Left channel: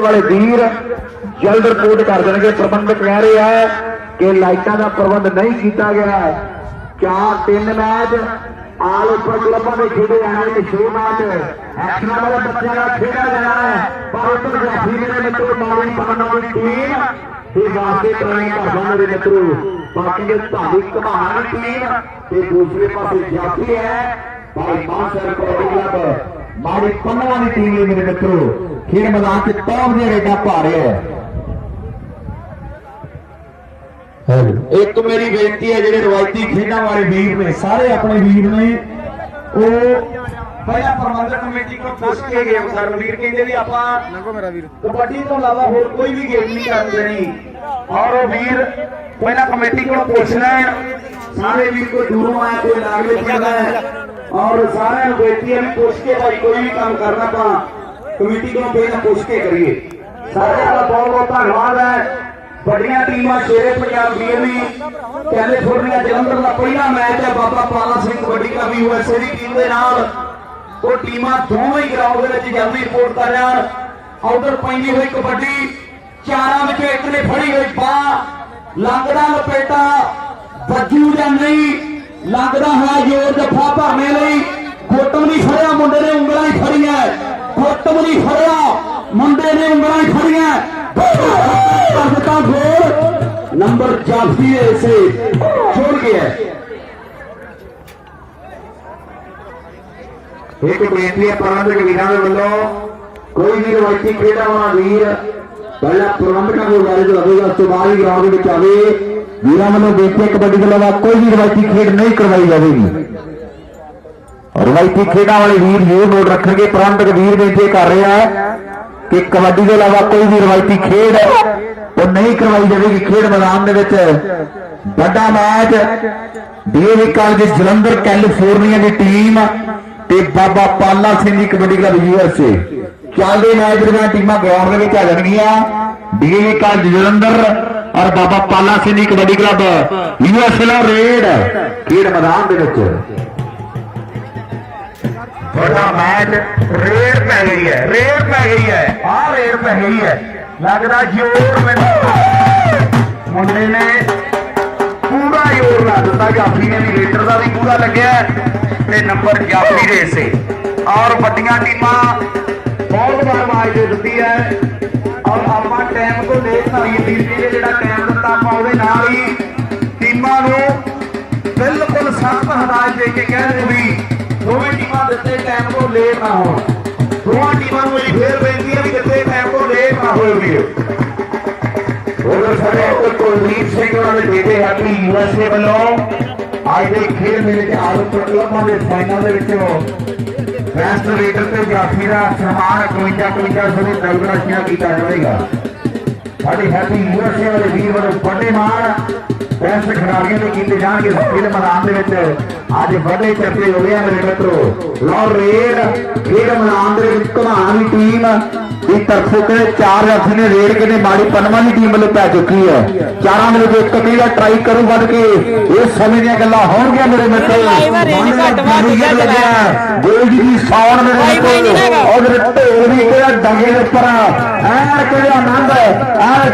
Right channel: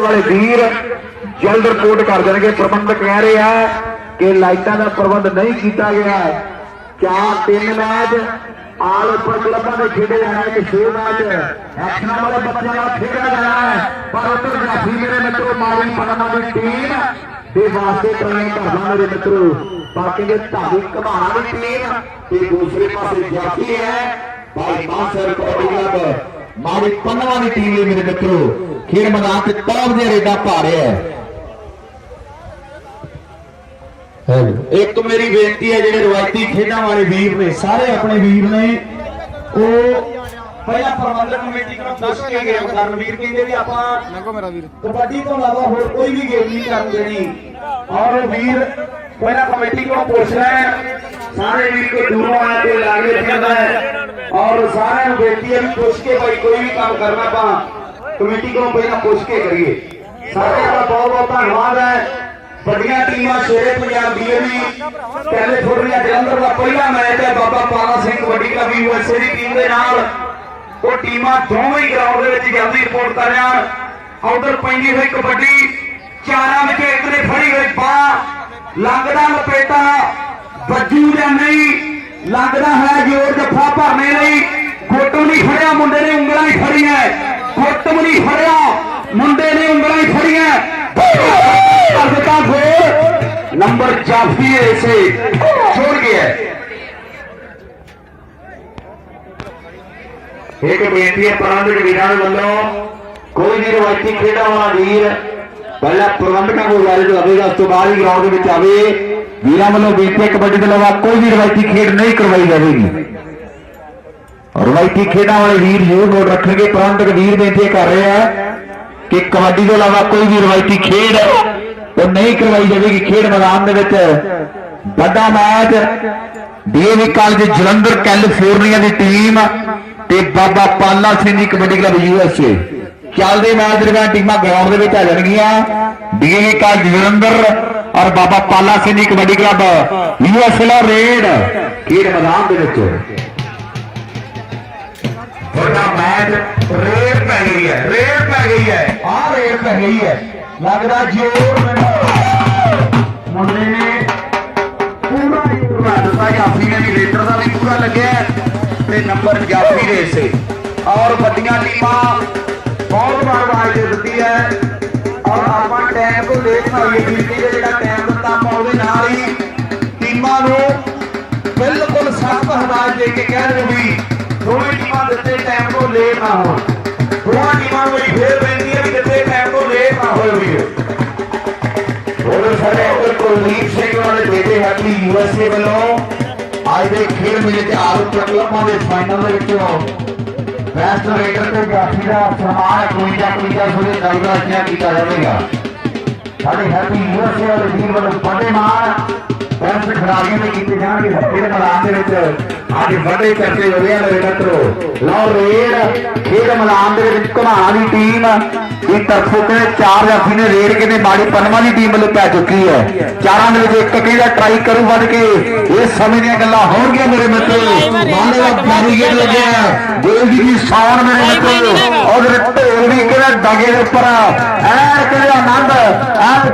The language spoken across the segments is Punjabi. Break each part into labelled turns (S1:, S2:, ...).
S1: ਖੇੜੇ ਵਾਲੇ ਵੀਰ ਜਲਦ ਰਿਪੋਰਟ ਕਰ ਦੇਣਗੇ। ਪ੍ਰਬੰਧਕ ਕਹਿ ਰਹੇ ਆ ਕਿ ਲਾਈਟਾਂ ਦਾ ਪ੍ਰਬੰਧ ਨਹੀਂ ਕੀਤਾ ਗਿਆ ਹੈ। ਚਾਰ ਤਿੰਨ ਮੈਚ ਆਲ ਉੱਪਰ ਕਲੱਬਾਂ ਦੇ ਖੇਡੇ ਜਾਣੇ ਕਿ ਛੇ ਮੈਚ ਐਕਸ਼ਨਾਂ ਵਾਲਾ ਬੱਚਿਆਂ ਦਾ ਖੇਡਿਆ ਜਾਣਾ ਹੈ। ਪਰ ਉੱਪਰ ਗ੍ਰਾਫੀ ਮੇਰੇ ਮਿੱਤਰੋ ਮਾਲੀ ਪਵਨ ਦੀ ਟੀਮ ਦੇ ਵਾਸਤੇ ਟ੍ਰੇਨਿੰਗ ਕਰਦਾ ਮੇਰੇ ਮਿੱਤਰੋ। ਬਾਕੀ ਦੇ ਢਾਡੀ ਘਮਾਣਾ ਦੀ ਟੀਮ ਤੇ ਦੂਸਰੇ ਪਾਸੇ ਜਾਤੀ ਹੈ, ਭਾਈ ਮਾਨਸਰ ਕਬੱਡੀ ਕਲੱਬ ਮਾੜੀ ਪੰਨਵਾ ਦੀ ਟੀਮ ਹੈ ਮੇਰੇ ਮਿੱਤਰੋ। ਖੇਡ ਮੈਦਾਨ ਤੇ ਟੌਪ ਦੇ ਰੇਡਾ ਪਾ ਰਿਹਾ ਹੈ?
S2: ਇੱਕ ਮੇਰੀ ਬੇਨਤੀ ਹੈ ਜਿਹੜੇ ਰਵਾਇਤੀ ਖੇਡਾਂ ਵਾਲੇ ਵੀਰ ਨੇ ਸਾਰੇ ਆਪਣੇ ਵੀਰ ਨੇ ਉਹ ਪਹਿਲਾਂ ਪ੍ਰਬੰਧਕ ਕਮੇਟੀ ਕੋਲ ਪੁੱਛ ਕੇ ਗਏ ਸਰ ਵੀਰ ਕਹਿੰਦੇ ਵੀ ਆਪਾਂ
S3: ਨੰਗੋ ਮੇਰਾ ਵੀਰ।
S2: ਕਬੱਡੀ ਤੋਂ ਇਲਾਵਾ ਹੋਰ ਕੋਈ ਵੀ ਗੇਮ ਨਹੀਂ ਕਰਨ ਦੇਣੀ। ਔਰ ਉਹ ਵੀਰ ਪਹਿਲਾਂ ਕਮੇਟੀ ਕੋਲ ਪੁੱਛਣਾ ਹੈ। ਸਾਰੇ ਵੀਰ ਕੋ ਦੂਰੋਂ ਆ ਕੇ ਲਾਗੇ ਜਾਂਦਾ ਹੈ। ਔਰ ਸਾਰਿਆਂ ਨੂੰ ਬੇਨਤੀ ਹੈ ਵੀ ਪੁੱਛ ਕੇ ਭਾਈ ਕੋਈ ਵੀ ਕੰਮ ਕਰਨਾ ਆਪਾਂ ਕਮੇਟੀ ਕੋਲ ਪਹਿਲਾਂ ਪੁੱਛ ਕੇ ਕਰੀਏ। ਸਾਰੇ ਦਾ ਬਹੁਤ ਬਹੁਤ ਧੰਨਵਾਦ ਹੈ। ਵੱਡੀਆਂ ਟੀਮਾਂ ਸ਼ੇਰੇ ਪੰਜਾਬ ਡੀਐਮਈ ਕੈਲੀਫੋਰਨੀਆ ਜਲੰਧਰ ਦਾ ਪਹਿਲਾ ਮੈਚ ਹੈ। ਬਾਬਾ ਪਾਲਾ ਸਿੰਘ ਕਬੱਡੀ ਦਾ ਵੀ ਯੂਐਸਏ ਦੀ ਟੀਮ ਦੇ ਨਾਲ। ਉਹ ਟੀਮਾਂ ਦੋਵੇਂ ਹੀ ਗਰਾਊਂਡ ਦੇ ਵਿੱਚ ਜਲਦੀ ਰਿਪੋਰਟ ਕਰ ਰਹੀਆਂ ਆਊਟਰ ਪੈਂਦੀ ਹੋਈ ਕਬੱਡੀ। ਚਾਰਾਂ ਵਿੱਚ ਇੱਕ ਨੇ ਫੜੀ ਹੋਈ ਬਾਹ ਲੰਗਦਾ ਲਪੇਟਾ। ਬੱਜੂ ਜਾਂ ਨਹੀਂ। ਲੰਗਦਾ ਹੈ ਜੋਰ ਜੱਫਾ ਭਰਨੇ ਲਈ। ਗੁੱਟ ਨਹੀਂ ਫੜਿਆ। ਮੁੰਡੇ ਨੇ ਉਂਗਲਾਂ ਹੀ ਫੜੀਆਂ ਗੁੱਟ ਵੀ ਨਹੀਂ ਫੜਿਆ ਮੁੰਡੇ ਨੇ ਉਂਗਲਾਂ ਹੀ ਫੜੀਆਂ ਕਰ ਦਿੱਤਾ ਗੋਲ ਨੰਬਰ ਜਾਫੀ ਹੈ ਇਸੇ ਛੋੜ ਗਿਆ
S1: ਇੱਕ ਬੇਨਤੀ ਹੈ ਪ੍ਰਬੰਧਕ ਵੀਰਾਂ ਦੇ ਵੱਲੋਂ ਕੋਈ ਵੀ ਰਵਾਇਤੀ ਖੇਡਾਂ ਵਾਲਾ ਵੀਰ ਪਹਿਲਾਂ ਪ੍ਰਬੰਧਕਾਂ ਕੋਲ ਗੱਲ ਜਾਵੇਗਾ ਉਸ ਤੋਂ ਬਾਅਦ ਹੀ ਗਰਾਊਂਡ ਦੇ ਵਿੱਚ ਆਵੇ ਵੀਰਾਂ ਵੱਲੋਂ ਬੇਨਤੀ ਹੈ ਕਬੱਡੀ ਦੇ ਇਲਾਵਾ ਕੋਈ ਵੀ ਰਵਾਇਤੀ ਖੇਡ ਨਹੀਂ ਕਰਵਾਈ ਜਾਵੇਗੀ ਰਵਾਇਤੀ ਖੇਡਾਂ ਵਾਲੇ ਵੀਰ ਜ਼ਰੂਰ ਨੋਟ ਰੱਖਣਗੇ। ਪ੍ਰਬੰਧਕ ਵੀਰ ਬੇਨਤੀ ਕਰ ਰਿਹਾ ਹੈ ਕਿ ਕਬੱਡੀ ਦੇ ਇਲਾਵਾ ਕੋਈ ਵੀ ਰਵਾਇਤੀ ਖੇਡ ਉਹ ਨਹੀਂ ਕਰਵਾਈ ਜਾਵੇਗੀ। ਖੇਡ ਮੈਦਾਨ ਦੇ ਵਿੱਚ ਵੱਡਾ match. DAV college Jalandhar, California ਦੀ ਟੀਮ ਤੇ ਬਾਬਾ ਪਾਲਾ ਸਿੰਘ ਦੀ ਕਬੱਡੀ ਕਲੱਬ ਯੂਐਸਏ ਚੱਲਦੇ ਮੈਚ ਦਰਮਿਆਨ ਟੀਮਾਂ ਗਰਾਊਂਡ ਦੇ ਵਿੱਚ ਆ ਜਾਣਗੀਆਂ। ਡੀਏਵੀ ਕਾਲਜ ਜਲੰਧਰ ਔਰ ਬਾਬਾ ਪਾਲਾ ਸਿੰਘ ਦੀ ਕਬੱਡੀ ਕਲੱਬ ਯੂਐਸਏ ਦਾ ਰੇਡ। ਖੇਡ ਮੈਦਾਨ ਦੇ ਵਿੱਚ।
S2: ਵੱਡਾ ਮੈਚ ਰੇਡ ਪੈ ਗਈ ਹੈ ਰੇਡ ਪੈ ਗਈ ਹੈ, ਆਹ ਰੇਡ ਪੈ ਗਈ ਹੈ। ਲੱਗਦਾ ਜ਼ੋਰ ਮੈਨੂੰ। ਮੁੰਡੇ ਨੇ ਪੂਰਾ ਜ਼ੋਰ ਲਾ ਦਿੱਤਾ ਜਾਫੀ ਨੇ ਵੀ ਰੇਡਰ ਦਾ ਵੀ ਪੂਰਾ ਲੱਗਿਆ ਤੇ ਨੰਬਰ ਜਾਫੀ ਦੇ ਸੇ ਔਰ ਵੱਡੀਆਂ ਟੀਮਾਂ ਬਹੁਤ ਬੜਵਾਜ ਦੇ ਦਿੱਤੀ ਹੈ। ਔਰ ਆਪਾਂ ਟਾਈਮ ਤੋਂ ਲੇਟ ਨਾ ਹੋਈਏ ਬਿਜਲੀ ਦੇ ਜਿਹੜਾ ਟਾਈਮ ਦਿੱਤਾ ਆਪਾਂ ਉਹਦੇ ਨਾਲ ਹੀ ਟੀਮਾਂ ਨੂੰ ਬਿਲਕੁਲ ਸਖਤ ਹਦਾਇਤ ਦੇ ਕੇ ਕਹਿ ਰਹੇ ਵੀ ਦੋਵੇਂ ਟੀਮਾਂ ਦਿੱਤੇ ਟਾਈਮ ਤੋਂ ਲੇਟ ਨਾ ਹੋਣ। ਦੋਵਾਂ ਟੀਮਾਂ ਨੂੰ ਮੇਰੀ ਫੇਰ ਬੇਨਤੀ ਹੈ ਵੀ ਦਿੱਤੇ ਟਾਈਮ ਤੋਂ ਲੇਟ ਨਾ ਹੋਏ ਵੀਰ
S1: ਹੋਰ ਸਾਰੇ ਉੱਤੇ ਕੁਲਦੀਪ ਸਿੰਘ ਵਾਲੇ ਬੇਟੇ ਹੈਪੀ ਯੂਐਸਏ ਵੱਲੋਂ ਅੱਜ ਦੇ ਖੇਡ ਮੇਲੇ ਤੇ ਆਰੋ ਕਲੱਬਾਂ ਦੇ ਫਾਈਨਲ ਦੇ ਵਿੱਚੋਂ ਬੈਸਟ ਰੇਡਰ ਤੇ ਜਾਫੀ ਦਾ ਸਨਮਾਨ 51 51 ਸੌ ਦੇ ਨਗਦ ਕੀਤਾ ਜਾਵੇਗਾ। ਸਾਡੇ ਹੈਪੀ ਯੂਐਸਏ ਵਾਲੇ ਵੀਰ ਵੱਲੋਂ ਵੱਡੇ ਮਾਣ ਬੈਸਟ ਖਿਡਾਰੀਆਂ ਨੇ ਕੀਤੇ ਜਾਣਗੇ। ਖੇਡ ਮੈਦਾਨ ਦੇ ਵਿੱਚ ਅੱਜ ਵੱਡੇ ਚਰਚੇ ਹੋ ਰਹੇ ਆ ਮੇਰੇ ਮਿੱਤਰੋ। ਲਓ ਰੇਡ ਖੇਡ ਮੈਦਾਨ ਦੇ ਵਿੱਚ ਘਣਾ ਦੀ ਟੀਮ ਦੀ ਤਰਫੋਂ ਤੇ ਚਾਰ ਵਾਸੀ ਨੇ ਰੇਡ ਕੇ ਨੇ ਮਾੜੀ ਪਨਵਾ ਦੀ ਟੀਮ ਵੱਲੋਂ ਪੈ ਚੁੱਕੀ ਹੈ। ਚਾਰਾਂ ਦੇ ਵਿੱਚ ਇੱਕ ਕਿਹਦਾ ਟਰਾਈ ਕਰੂ ਵੱਧ ਕੇ ਇਹ ਸਮੇਂ ਦੀਆਂ ਗੱਲਾਂ ਹੋਣਗੀਆਂ ਮੇਰੇ ਮਿੱਤਰ। ਮਾਨੇ ਦਾ ਕਾਰੀਗਰ ਲੱਗਿਆ। ਜੀ ਦੀ ਸ਼ਾਨ ਮੇਰੇ ਮਿੱਤਰ। ਔਰ ਢੋਲ ਵੀ ਕਿਹੜਾ ਡਾਂਗੇ ਦੇ ਉੱਪਰ ਐ ਕਿਹੜਾ ਆਨੰਦ ਐ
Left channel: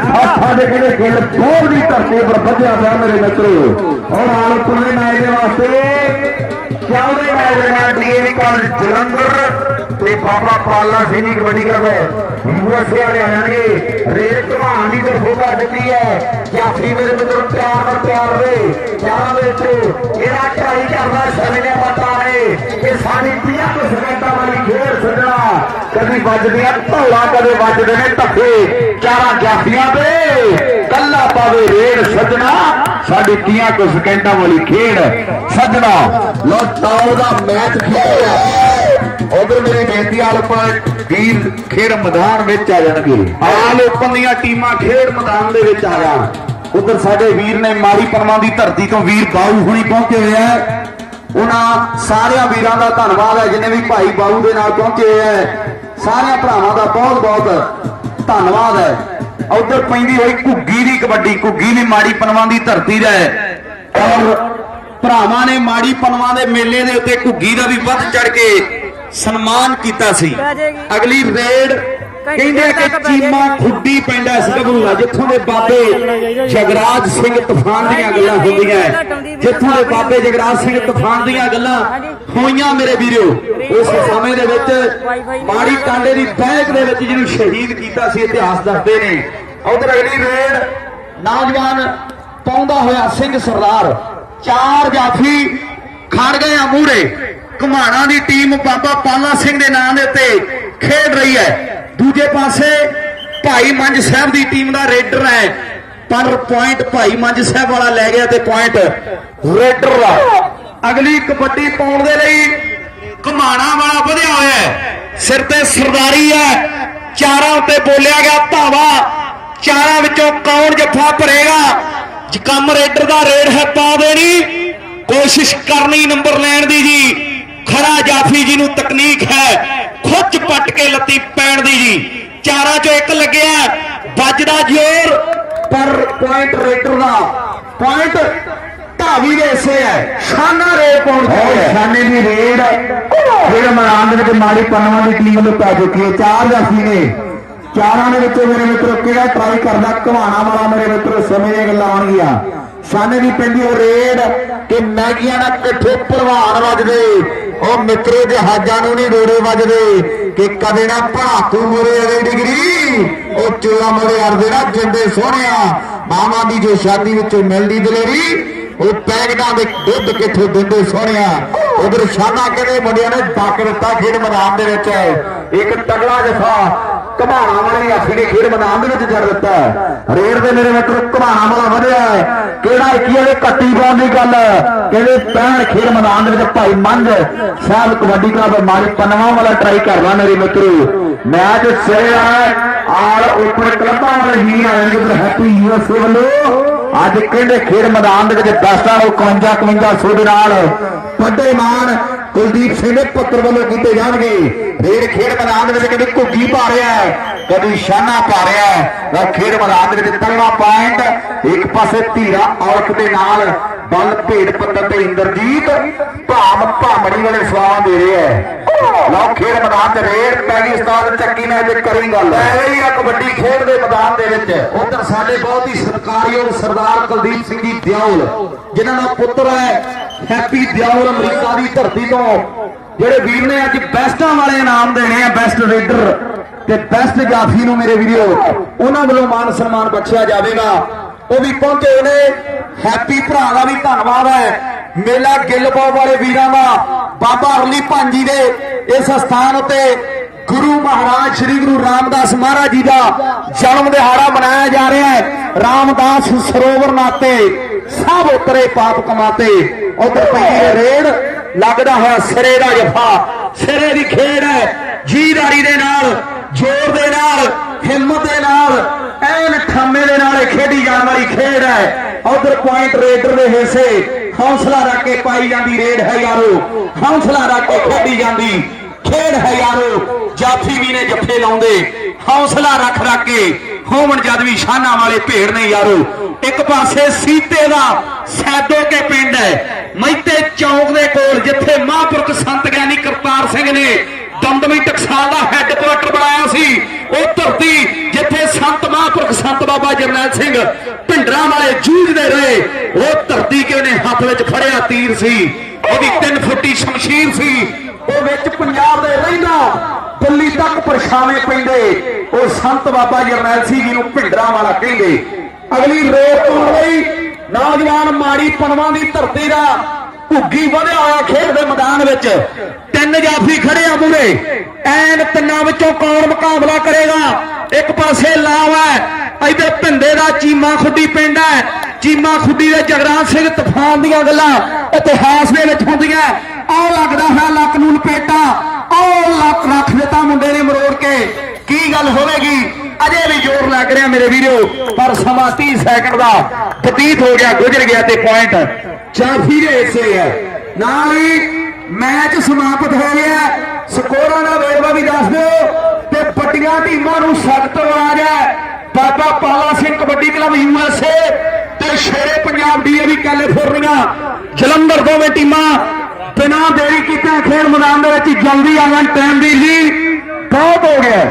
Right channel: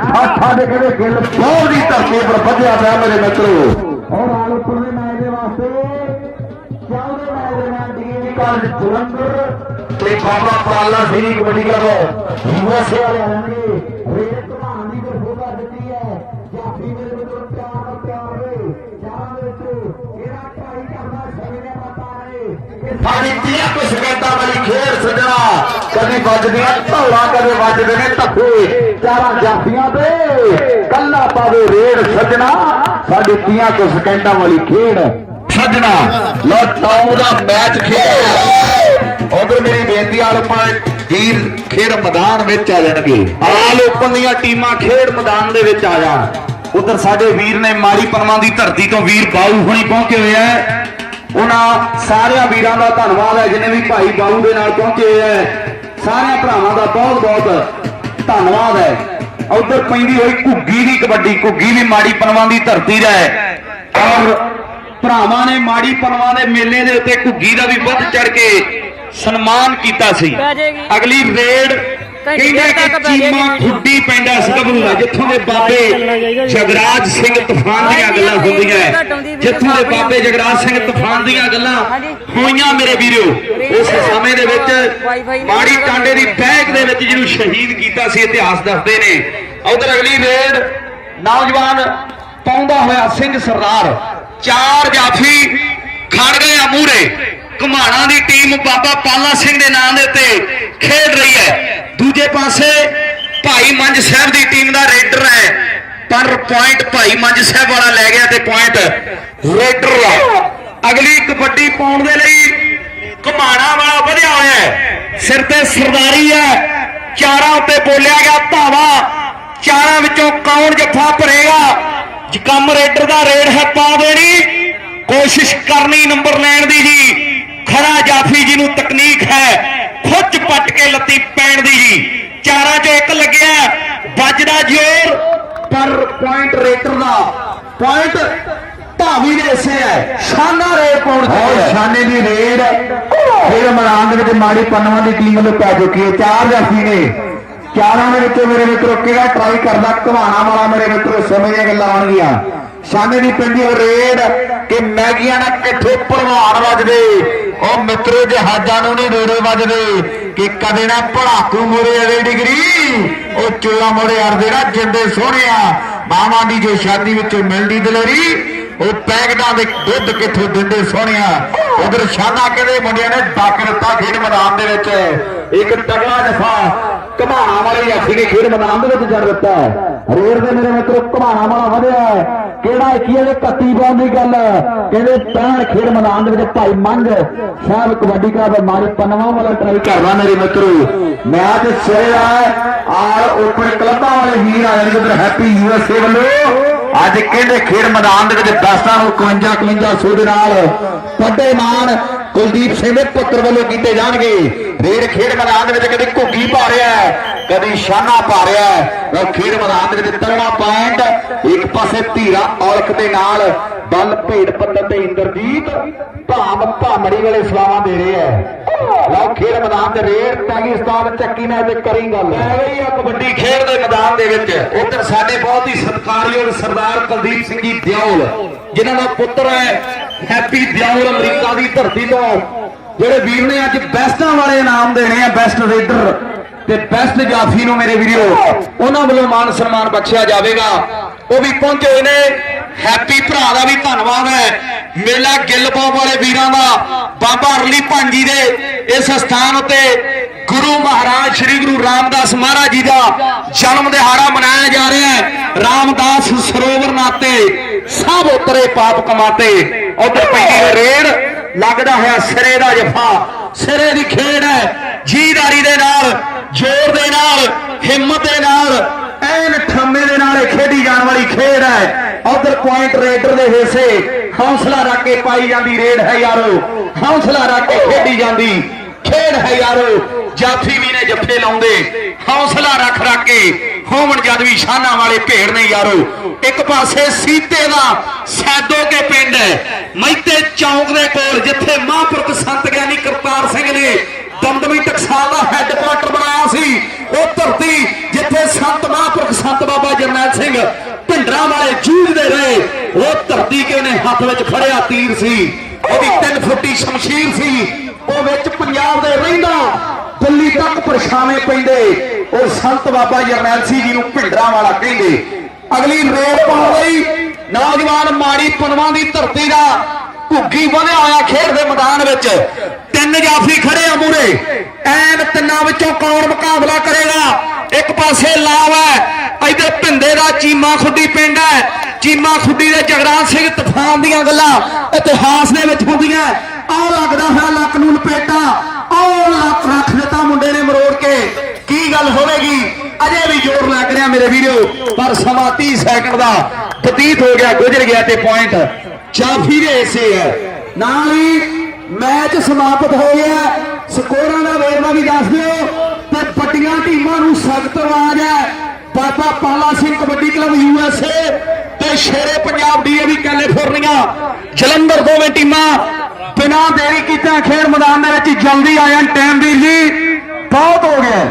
S1: ਠਾਠਾ ਦੇ ਕਿਹੜੇ ਖੇਡ ਬਹੁਤ ਦੀ ਧਰਤੀ ਉੱਪਰ ਵਧਿਆ ਪਿਆ ਮੇਰੇ ਮਿੱਤਰੋ। ਹੁਣ ਕਾਲਜ ਜਲੰਧਰ ਤੇ ਬਾਬਾ ਪਾਲਾ ਸਿੰਘ ਕਬੱਡੀ ਕਲੱਬ ਯੂਐਸਏ ਵਾਲੇ ਆ ਜਾਣਗੇ। ਘਮਾਣ ਦੀ ਤਰਫੋਂ ਕਰ ਦਿੱਤੀ ਹੈ। ਜਾਫਰੀ ਮੇਰੇ ਮਿੱਤਰ, ਪਿਆਰ ਨਾਲ ਪਿਆਰ ਦੇ। ਚਾਰਾਂ ਵਿੱਚ ਇਹਦਾ ਟਰਾਈ ਕਰਦਾ ਸਮੇਂ ਦੇ ਨੇ। ਇਹ ਸਾਡੀ 30 ਸਕਿੰਟਾਂ ਵਾਲੀ ਖੇਡ ਸੱਜਣਾ। ਕਦੇ ਵੱਜਦੇ ਆ ਢੋਲਾ ਕਦੇ ਵੱਜਦੇ ਨੇ ਧੱਕੇ। ਚਾਰਾਂ ਜਾਫੀਆਂ ਤੇ ਕੱਲਾ ਪਾਵੇ ਰੇਡ ਸੱਜਣਾ। ਸਾਡੀ 30 ਕੁ ਸਕਿੰਟਾਂ ਵਾਲੀ ਖੇਡ ਸੱਜਣਾ ਲੋ ਟਾਉ ਦਾ ਮੈਚ ਖੇਡ। ਉਧਰ ਮੇਰੀ ਬੇਨਤੀ ਆਲ ਵੀਰ ਖੇਡ ਮੈਦਾਨ ਵਿੱਚ ਆ ਜਾਣਗੇ।
S2: ਆਲ ਓਪਨ ਦੀਆਂ ਟੀਮਾਂ ਖੇਡ ਮੈਦਾਨ ਦੇ ਵਿੱਚ ਆ ਜਾਣ।
S1: ਉਧਰ ਸਾਡੇ ਵੀਰ ਨੇ ਮਾੜੀ ਪਰਮਾਂ ਦੀ ਧਰਤੀ ਤੋਂ ਵੀਰ ਬਾਊ ਹੁਣੀ ਪਹੁੰਚੇ ਹੋਏ ਆ। ਉਹਨਾਂ ਸਾਰਿਆਂ ਵੀਰਾਂ ਦਾ ਧੰਨਵਾਦ ਹੈ, ਜਿਨੇ ਵੀ ਭਾਈ ਬਾਊ ਦੇ ਨਾਲ ਪਹੁੰਚੇ ਹੋਏ ਸਾਰਿਆਂ ਭਰਾਵਾਂ ਦਾ ਬਹੁਤ ਬਹੁਤ ਧੰਨਵਾਦ ਹੈ। ਉਧਰ ਪੈਂਦੀ ਹੋਈ ਘੁੱਗੀ ਦੀ ਕਬੱਡੀ, ਘੁੱਗੀ ਵੀ ਮਾੜੀ ਪਰਮਾਂ ਦੀ ਧਰਤੀ ਦਾ ਹੈ।
S2: ਔਰ ਭਰਾਵਾਂ ਨੇ ਮਾੜੀ ਪਨਵਾ ਦੇ ਮੇਲੇ ਦੇ ਉੱਤੇ ਘੁੱਗੀ ਦਾ ਵੀ ਵੱਧ ਚੜ ਕੇ ਸਨਮਾਨ ਕੀਤਾ ਸੀ। ਅਗਲੀ ਰੇਡ ਕਹਿੰਦਾ ਕਿ ਚੀਮਾ ਖੁੱਡੀ ਪੈਂਦਾ ਸਗਬਰੂ ਦਾ ਜਿੱਥੋਂ ਦੇ ਬਾਬੇ ਜਗਰਾਜ ਸਿੰਘ ਤੂਫਾਨ ਦੀਆਂ ਗੱਲਾਂ ਹੁੰਦੀਆਂ ਹੈ। ਜਿੱਥੋਂ ਦੇ ਬਾਬੇ ਜਗਰਾਜ ਸਿੰਘ ਤੂਫਾਨ ਦੀਆਂ ਗੱਲਾਂ ਹੋਈਆਂ ਮੇਰੇ ਵੀਰੋ। ਉਸ ਸਮੇਂ ਦੇ ਵਿੱਚ ਮਾੜੀ ਟਾਂਡੇ ਦੀ ਬੈਗ ਦੇ ਵਿੱਚ ਜਿਹਨੂੰ ਸ਼ਹੀਦ ਕੀਤਾ ਸੀ ਇਤਿਹਾਸ ਦੱਸਦੇ ਨੇ। ਉਧਰ ਅਗਲੀ ਰੇਡ ਨੌਜਵਾਨ ਪਾਉਂਦਾ ਹੋਇਆ ਸਿੰਘ ਸਰਦਾਰ ਚਾਰ ਜਾਫੀ ਖੜ ਗਏ ਆ ਮੂਰੇ ਘਮਾਣਾ ਦੀ ਟੀਮ ਬਾਬਾ ਪਾਲਾ ਸਿੰਘ ਦੇ ਨਾਂ ਦੇ ਉੱਤੇ ਖੇਡ ਰਹੀ ਹੈ। ਦੂਜੇ ਪਾਸੇ ਭਾਈ ਮੰਝ ਸਾਹਿਬ ਦੀ ਟੀਮ ਦਾ ਰੇਡਰ ਹੈ। ਪਰ ਪੁਆਇੰਟ ਭਾਈ ਮੰਝ ਸਾਹਿਬ ਵਾਲਾ ਲੈ ਗਿਆ ਤੇ ਪੁਆਇੰਟ ਰੇਡਰ ਦਾ ਅਗਲੀ ਕਬੱਡੀ ਪਾਉਣ ਦੇ ਲਈ ਘਮਾਣਾ ਵਾਲਾ ਵਧਿਆ ਹੋਇਆ ਹੈ। ਸਿਰ ਤੇ ਸਰਦਾਰੀ ਹੈ। ਚਾਰਾਂ ਉੱਤੇ ਬੋਲਿਆ ਗਿਆ ਧਾਵਾ। ਚਾਰਾਂ ਵਿੱਚੋਂ ਕੌਣ ਜੱਫਾ ਭਰੇਗਾ? ਜਕਮ ਰੇਡਰ ਦਾ ਰੇਡ ਹੈ ਪਾ ਦੇਣੀ ਕੋਸ਼ਿਸ਼ ਕਰਨੀ ਨੰਬਰ ਲੈਣ ਦੀ ਜੀ। ਖਰਾ ਜਾਫੀ ਜੀ ਨੂੰ ਤਕਨੀਕ ਹੈ ਖੁੱਚ ਪੱਟ ਕੇ ਲੱਤੀ ਪੈਣ ਦੀ ਜੀ। ਚਾਰਾਂ ਚੋਂ ਇੱਕ ਲੱਗਿਆ ਵੱਜਦਾ ਜ਼ੋਰ ਪਰ ਪੁਆਇੰਟ ਰੇਡਰ ਦਾ ਪੁਆਇੰਟ ਧਾਵੀ ਦੇ ਹਿੱਸੇ ਹੈ। ਸ਼ਾਨਾ ਰੇਡ ਪਾਉਣ ਚਾਹੀਦਾ
S1: ਸ਼ਾਨੇ ਦੀ ਰੇਡ। ਫਿਰ ਮੈਦਾਨ ਦੇ ਵਿੱਚ ਮਾੜੀ ਪੰਨਵਾਂ ਦੀ ਟੀਮ ਵੱਲੋਂ ਪੈ ਚੁੱਕੀ ਹੈ। ਚਾਰ ਜਾਫੀ ਨੇ। ਚਾਰਾਂ ਦੇ ਵਿੱਚੋਂ ਮੇਰੇ ਮਿੱਤਰੋ ਕਿਹੜਾ ਟਰਾਈ ਕਰਦਾ ਘਵਾਣਾ ਵਾਲਾ ਮੇਰੇ ਮਿੱਤਰੋ, ਸਮੇਂ ਗੱਲਾਂ ਆਉਣਗੀਆਂ। ਸ਼ਾਨੇ ਦੀ ਪੈਂਦੀ ਉਹ ਰੇਡ ਕਿ ਮੈਗੀਆਂ ਨਾਲ ਕਿੱਥੇ ਭਲਵਾਨ ਵੱਜਦੇ। ਉਹ ਮਿੱਤਰੋ ਜਹਾਜ਼ਾਂ ਨੂੰ ਨਹੀਂ ਰੋੜੇ ਵੱਜਦੇ। ਕਿ ਕਦੇ ਨਾ ਭੜਾਕੂ ਮੋਰੇ ਅਗਲੀ ਡਿਗਰੀ। ਉਹ ਚੋਲਾ ਮੋੜੇ ਅੜਦੇ ਨਾ ਜਿੰਦੇ ਸੋਹਣਿਆ। ਮਾਵਾਂ ਦੀ ਜੋ ਸ਼ਾਦੀ ਵਿੱਚੋਂ ਮਿਲਦੀ ਦਲੇਰੀ, ਉਹ ਪੈਗਦਾਂ ਦੇ ਦੁੱਧ ਕਿੱਥੋਂ ਦਿੰਦੇ ਸੋਹਣਿਆ। ਉਧਰ ਸ਼ਾਨਾ ਕਹਿੰਦੇ ਮੁੰਡਿਆਂ ਨੇ ਡੱਕ ਦਿੱਤਾ ਖੇਡ ਮੈਦਾਨ ਦੇ ਵਿੱਚ। ਇੱਕ ਤਗੜਾ ਜਫਾ ਘਮਾਣਾ ਵਾਲੀ ਅੱਖ ਖੇਡ ਮੈਦਾਨ ਦੇ ਵਿੱਚ ਜੜ ਦਿੱਤਾ ਰੇਡ ਦੇ ਮੇਰੇ ਮਿੱਤਰੋ, ਘਮਾਣਾ ਵਾਲਾ ਵਧਿਆ ਕਿਹੜਾ ਇੱਕੀ ਵਾਲੇ ਕੱਟੀ ਪਾਉਣ ਦੀ ਗੱਲ ਕਹਿੰਦੇ ਪੈਣ ਖੇਡ ਮੈਦਾਨ ਦੇ ਵਿੱਚ ਭਾਈ ਮੰਝ ਸਾਹਿਬ ਕਬੱਡੀ ਕਲੱਬ ਮਾਰੀ ਪੰਨਵਾ ਵਾਲਾ ਟਰਾਈ ਕਰਨਾ ਮੇਰੇ ਮਿੱਤਰੋ। ਮੈਚ ਸਿਰੇ ਆ, ਆਲ ਉੱਪਰ ਕਲੱਬਾਂ ਵਾਲੇ ਹੀ ਆਣਗੇ ਉਧਰ ਹੈਪੀ ਯੂਐਸਏ ਵੱਲੋਂ। ਅੱਜ ਕਹਿੰਦੇ ਖੇਡ ਮੈਦਾਨ ਦੇ ਵਿੱਚ ਦਸਤਾਂ ਨੂੰ 51 51 ਸੌ ਦੇ ਨਾਲ ਵੱਡੇ ਮਾਨ ਕੁਲਦੀਪ ਸਿੰਘ ਦੇ ਪੁੱਤਰ ਵੱਲੋਂ ਕੀਤੇ ਜਾਣਗੇ। ਰੇਡ ਖੇਡ ਮੈਦਾਨ ਦੇ ਵਿੱਚ ਕਦੀ ਘੁੱਗੀ ਪਾ ਰਿਹਾ ਕਦੀ ਸ਼ਾਨਾ ਪਾ ਰਿਹਾ ਹੈ। ਖੇਡ ਮੈਦਾਨ ਦੇ ਵਿੱਚ ਤਗੜਾ ਪੁਆਇੰਟ ਇੱਕ ਪਾਸੇ ਧੀਰਾ ਔਲਖ ਦੇ ਨਾਲ ਬਲ ਭੇਡ ਪੱਤਰ ਤੇ ਇੰਦਰਜੀਤ ਭਾਮ ਭਾਮੜੀ ਵਾਲੇ ਸਵਾਵਾਂ ਦੇ ਰਹੇ ਹੈ। ਲਓ, ਖੇਡ ਮੈਦਾਨ ਤੇ ਰੇਡ ਪਾਕਿਸਤਾਨ ਚੱਕੀ ਨੇ, ਅੱਜ ਕਰੀ ਗੱਲ।
S2: ਇਹ ਆ ਕਬੱਡੀ ਖੇਡ ਦੇ ਮੈਦਾਨ ਦੇ ਵਿੱਚ, ਉਧਰ ਸਾਡੇ ਬਹੁਤ ਹੀ ਸਤਿਕਾਰਯੋਗ ਸਰਦਾਰ ਕੁਲਦੀਪ ਸਿੰਘ ਜੀ ਦਿਓਲ, ਜਿਨ੍ਹਾਂ ਦਾ ਪੁੱਤਰ ਹੈ ਹੈਪੀ ਦਿਓਲ ਅਮਰੀਕਾ ਦੀ ਧਰਤੀ ਤੋਂ। ਜਿਹੜੇ ਵੀਰ ਨੇ ਅੱਜ ਬੈਸਟਾਂ ਵਾਲੇ ਇਨਾਮ ਦੇਣੇ ਆ ਬੈਸਟ ਰੇਡਰ ਤੇ ਬੈਸਟ ਜਾਫੀ ਨੂੰ ਮੇਰੇ ਵੀਰੋ, ਉਹਨਾਂ ਵੱਲੋਂ ਮਾਨ ਸਨਮਾਨ ਬਖਸ਼ਿਆ ਜਾਵੇਗਾ। ਉਹ ਵੀ ਪਹੁੰਚੇ ਹੋਏ ਨੇ। ਹੈਪੀ ਭਰਾ ਦਾ ਵੀ ਧੰਨਵਾਦ ਹੈ। ਮੇਲਾ ਗਿੱਲਪਾਉ ਵਾਲੇ ਵੀਰਾਂ ਦਾ। ਬਾਬਾ ਅਰਲੀ ਭਾਂਜੀ ਦੇ ਇਸ ਸਥਾਨ ਉੱਤੇ ਗੁਰੂ ਮਹਾਰਾਜ, ਸ੍ਰੀ ਗੁਰੂ ਰਾਮਦਾਸ ਮਹਾਰਾਜ ਜੀ ਦਾ ਜਨਮ ਦਿਹਾੜਾ ਮਨਾਇਆ ਜਾ ਰਿਹਾ ਹੈ। ਰਾਮਦਾਸ ਸਰੋਵਰ ਨਾਤੇ ਸਭ ਉਤਰੇ ਪਾਪ ਕਮਾਤੇ। ਉਧਰ ਪੈਂਦੀ ਹੈ ਰੇਡ ਲੱਗਦਾ ਹੋਇਆ ਸਿਰੇ ਦਾ ਜਫਾ। ਸਿਰੇ ਦੀ ਖੇਡ ਹੈ। ਜੀਦਾਰੀ ਦੇ ਨਾਲ, ਜ਼ੋਰ ਦੇ ਨਾਲ, ਹਿੰਮਤ ਦੇ ਨਾਲ ਐਨ ਠਾਮੇ ਦੇ ਨਾਲ ਖੇਡੀ ਜਾਣ ਵਾਲੀ ਖੇਡ ਹੈ। ਉਧਰ ਪੁਆਇੰਟ ਰੇਡਰ ਦੇ ਹਿੱਸੇ ਹੌਸਲਾ ਰੱਖ ਕੇ ਪਾਈ ਜਾਂਦੀ, ਰੇਡ ਹੈ ਯਾਰੋ। ਹੌਸਲਾ ਰੱਖ ਕੇ ਖੇਡੀ ਜਾਂਦੀ, ਖੇਡ ਹੈ ਯਾਰੋ। ਜਾਫੀ ਵੀ ਨੇ ਜੱਫੇ ਲਾਉਂਦੇ, ਹੌਸਲਾ ਰੱਖ ਰੱਖ ਕੇ ਹੋਵਣ ਜਦ ਵੀ ਸ਼ਾਨਾ ਵਾਲੇ ਭੇੜ ਨੇ ਯਾਰੋ। ਇੱਕ ਪਾਸੇ ਸੀਤੇ ਦਾ ਸੈਦੋ ਕੇ ਪਿੰਡ ਹੈ। ਮੈਤੇ ਚੌਂਕ ਦੇ ਕੋਲ ਜਿੱਥੇ ਮਹਾਂਪੁਰਖ ਸੰਤ ਗਿਆਨੀ ਕਰਤਾਰ ਸਿੰਘ ਨੇ ਦਮਦਮੀ ਟਕਸਾਲ ਦਾ ਹੈੱਡਕੁਆਟਰ ਬਣਾਇਆ ਸੀ, ਉਹ ਧਰਤੀ ਜਿੱਥੇ ਸੰਤ ਮਹਾਂਪੁਰਖ ਸੰਤ ਬਾਬਾ ਜਰਨੈਲ ਸਿੰਘ ਢਿੰਡਰਾਂ ਵਾਲੇ ਜੂਝਦੇ ਰਹੇ, ਉਹ ਧਰਤੀ ਕੇ ਨੇ ਹੱਥ ਵਿੱਚ ਫੜਿਆ ਤੀਰ ਸੀ। ਉਹਦੀ ਤਿੰਨ ਫੁੱਟੀ ਸ਼ਮਸ਼ੀਰ ਸੀ। ਉਹ ਵਿੱਚ ਪੰਜਾਬ ਦੇ ਰਹਿੰਦਾ, ਦਿੱਲੀ ਤੱਕ ਪਰਛਾਵੇਂ ਪੈਂਦੇ। ਉਹ ਸੰਤ ਬਾਬਾ ਜਰਨੈਲ ਸਿੰਘ ਜੀ ਨੂੰ ਭਿੰਡਰਾਂ ਵਾਲਾ ਕਹਿੰਦੇ। ਅਗਲੀ ਰੇਡ ਪਾਉਣ ਲਈ ਨੌਜਵਾਨ ਮਾੜੀ ਪਨਵਾਂ ਦੀ ਧਰਤੀ ਦਾ ਭੁੱਗੀ ਵਧਿਆ ਹੋਇਆ ਖੇਡ ਦੇ ਮੈਦਾਨ ਵਿੱਚ। ਤਿੰਨ ਜਾਫੀ ਖੜੇ ਆ ਮੂਰੇ ਐਨ ਤਿੰਨਾਂ ਵਿੱਚੋਂ ਕੌਣ ਮੁਕਾਬਲਾ ਕਰੇਗਾ? ਇੱਕ ਪਾਸੇ ਲਾਵ ਹੈ ਇਹਦੇ ਭਿੰਦੇ ਦਾ ਚੀਮਾ ਖੁੱਡੀ ਪਿੰਡ ਹੈ। ਚੀਮਾ ਖੁੱਡੀ ਦੇ ਜਗਰਾਜ ਸਿੰਘ ਤੂਫਾਨ ਦੀਆਂ ਗੱਲਾਂ ਇਤਿਹਾਸ ਦੇ ਵਿੱਚ ਹੁੰਦੀਆਂ। ਆਹ ਲੱਗਦਾ ਹੋਇਆ ਲੱਕ ਨੂੰ ਲਪੇਟਾ, ਆਹ ਲੱਕ ਰੱਖ ਦਿੱਤਾ ਮੁੰਡੇ ਨੇ ਮਰੋੜ ਕੇ। ਕੀ ਗੱਲ ਹੋਵੇਗੀ? ਅਜੇ ਵੀ ਜ਼ੋਰ ਲੱਗ ਰਿਹਾ ਮੇਰੇ ਵੀਰੋ, ਪਰ ਸਮਾਂ 30 ਸੈਕਿੰਡ ਦਾ ਬਤੀਤ ਹੋ ਗਿਆ, ਗੁਜ਼ਰ ਗਿਆ ਤੇ ਪੁਆਇੰਟ ਚਾਫੀ ਦੇ ਹਿੱਸੇ ਹੈ। ਨਾਲ ਹੀ ਮੈਚ ਸਮਾਪਤ ਹੋ ਗਿਆ। ਸਕੋਰਾਂ ਦਾ ਵੇਰਵਾ ਵੀ ਦੱਸ ਦਿਓ। ਤੇ ਪੱਟੀਆਂ ਟੀਮਾਂ ਨੂੰ ਸਖਤ ਆਵਾਜ਼ ਹੈ। ਬਾਬਾ ਪਾਲਾ ਸਿੰਘ ਕਬੱਡੀ ਕਲੱਬ ਯੂਐਸਏ ਤੇ ਸ਼ੇਰੇ ਪੰਜਾਬ ਡੀਏਵੀ ਕੈਲੀਫੋਰਨੀਆ। ਜਲੰਧਰ ਦੋਵੇਂ ਟੀਮਾਂ ਬਿਨਾਂ ਦੇਰੀ ਕੀਤਿਆਂ ਖੇਡ ਮੈਦਾਨ ਦੇ ਵਿੱਚ ਜਲਦੀ ਆ ਜਾਣ। ਟਾਈਮ ਦੀ ਜੀ ਬਹੁਤ ਹੋ ਗਿਆ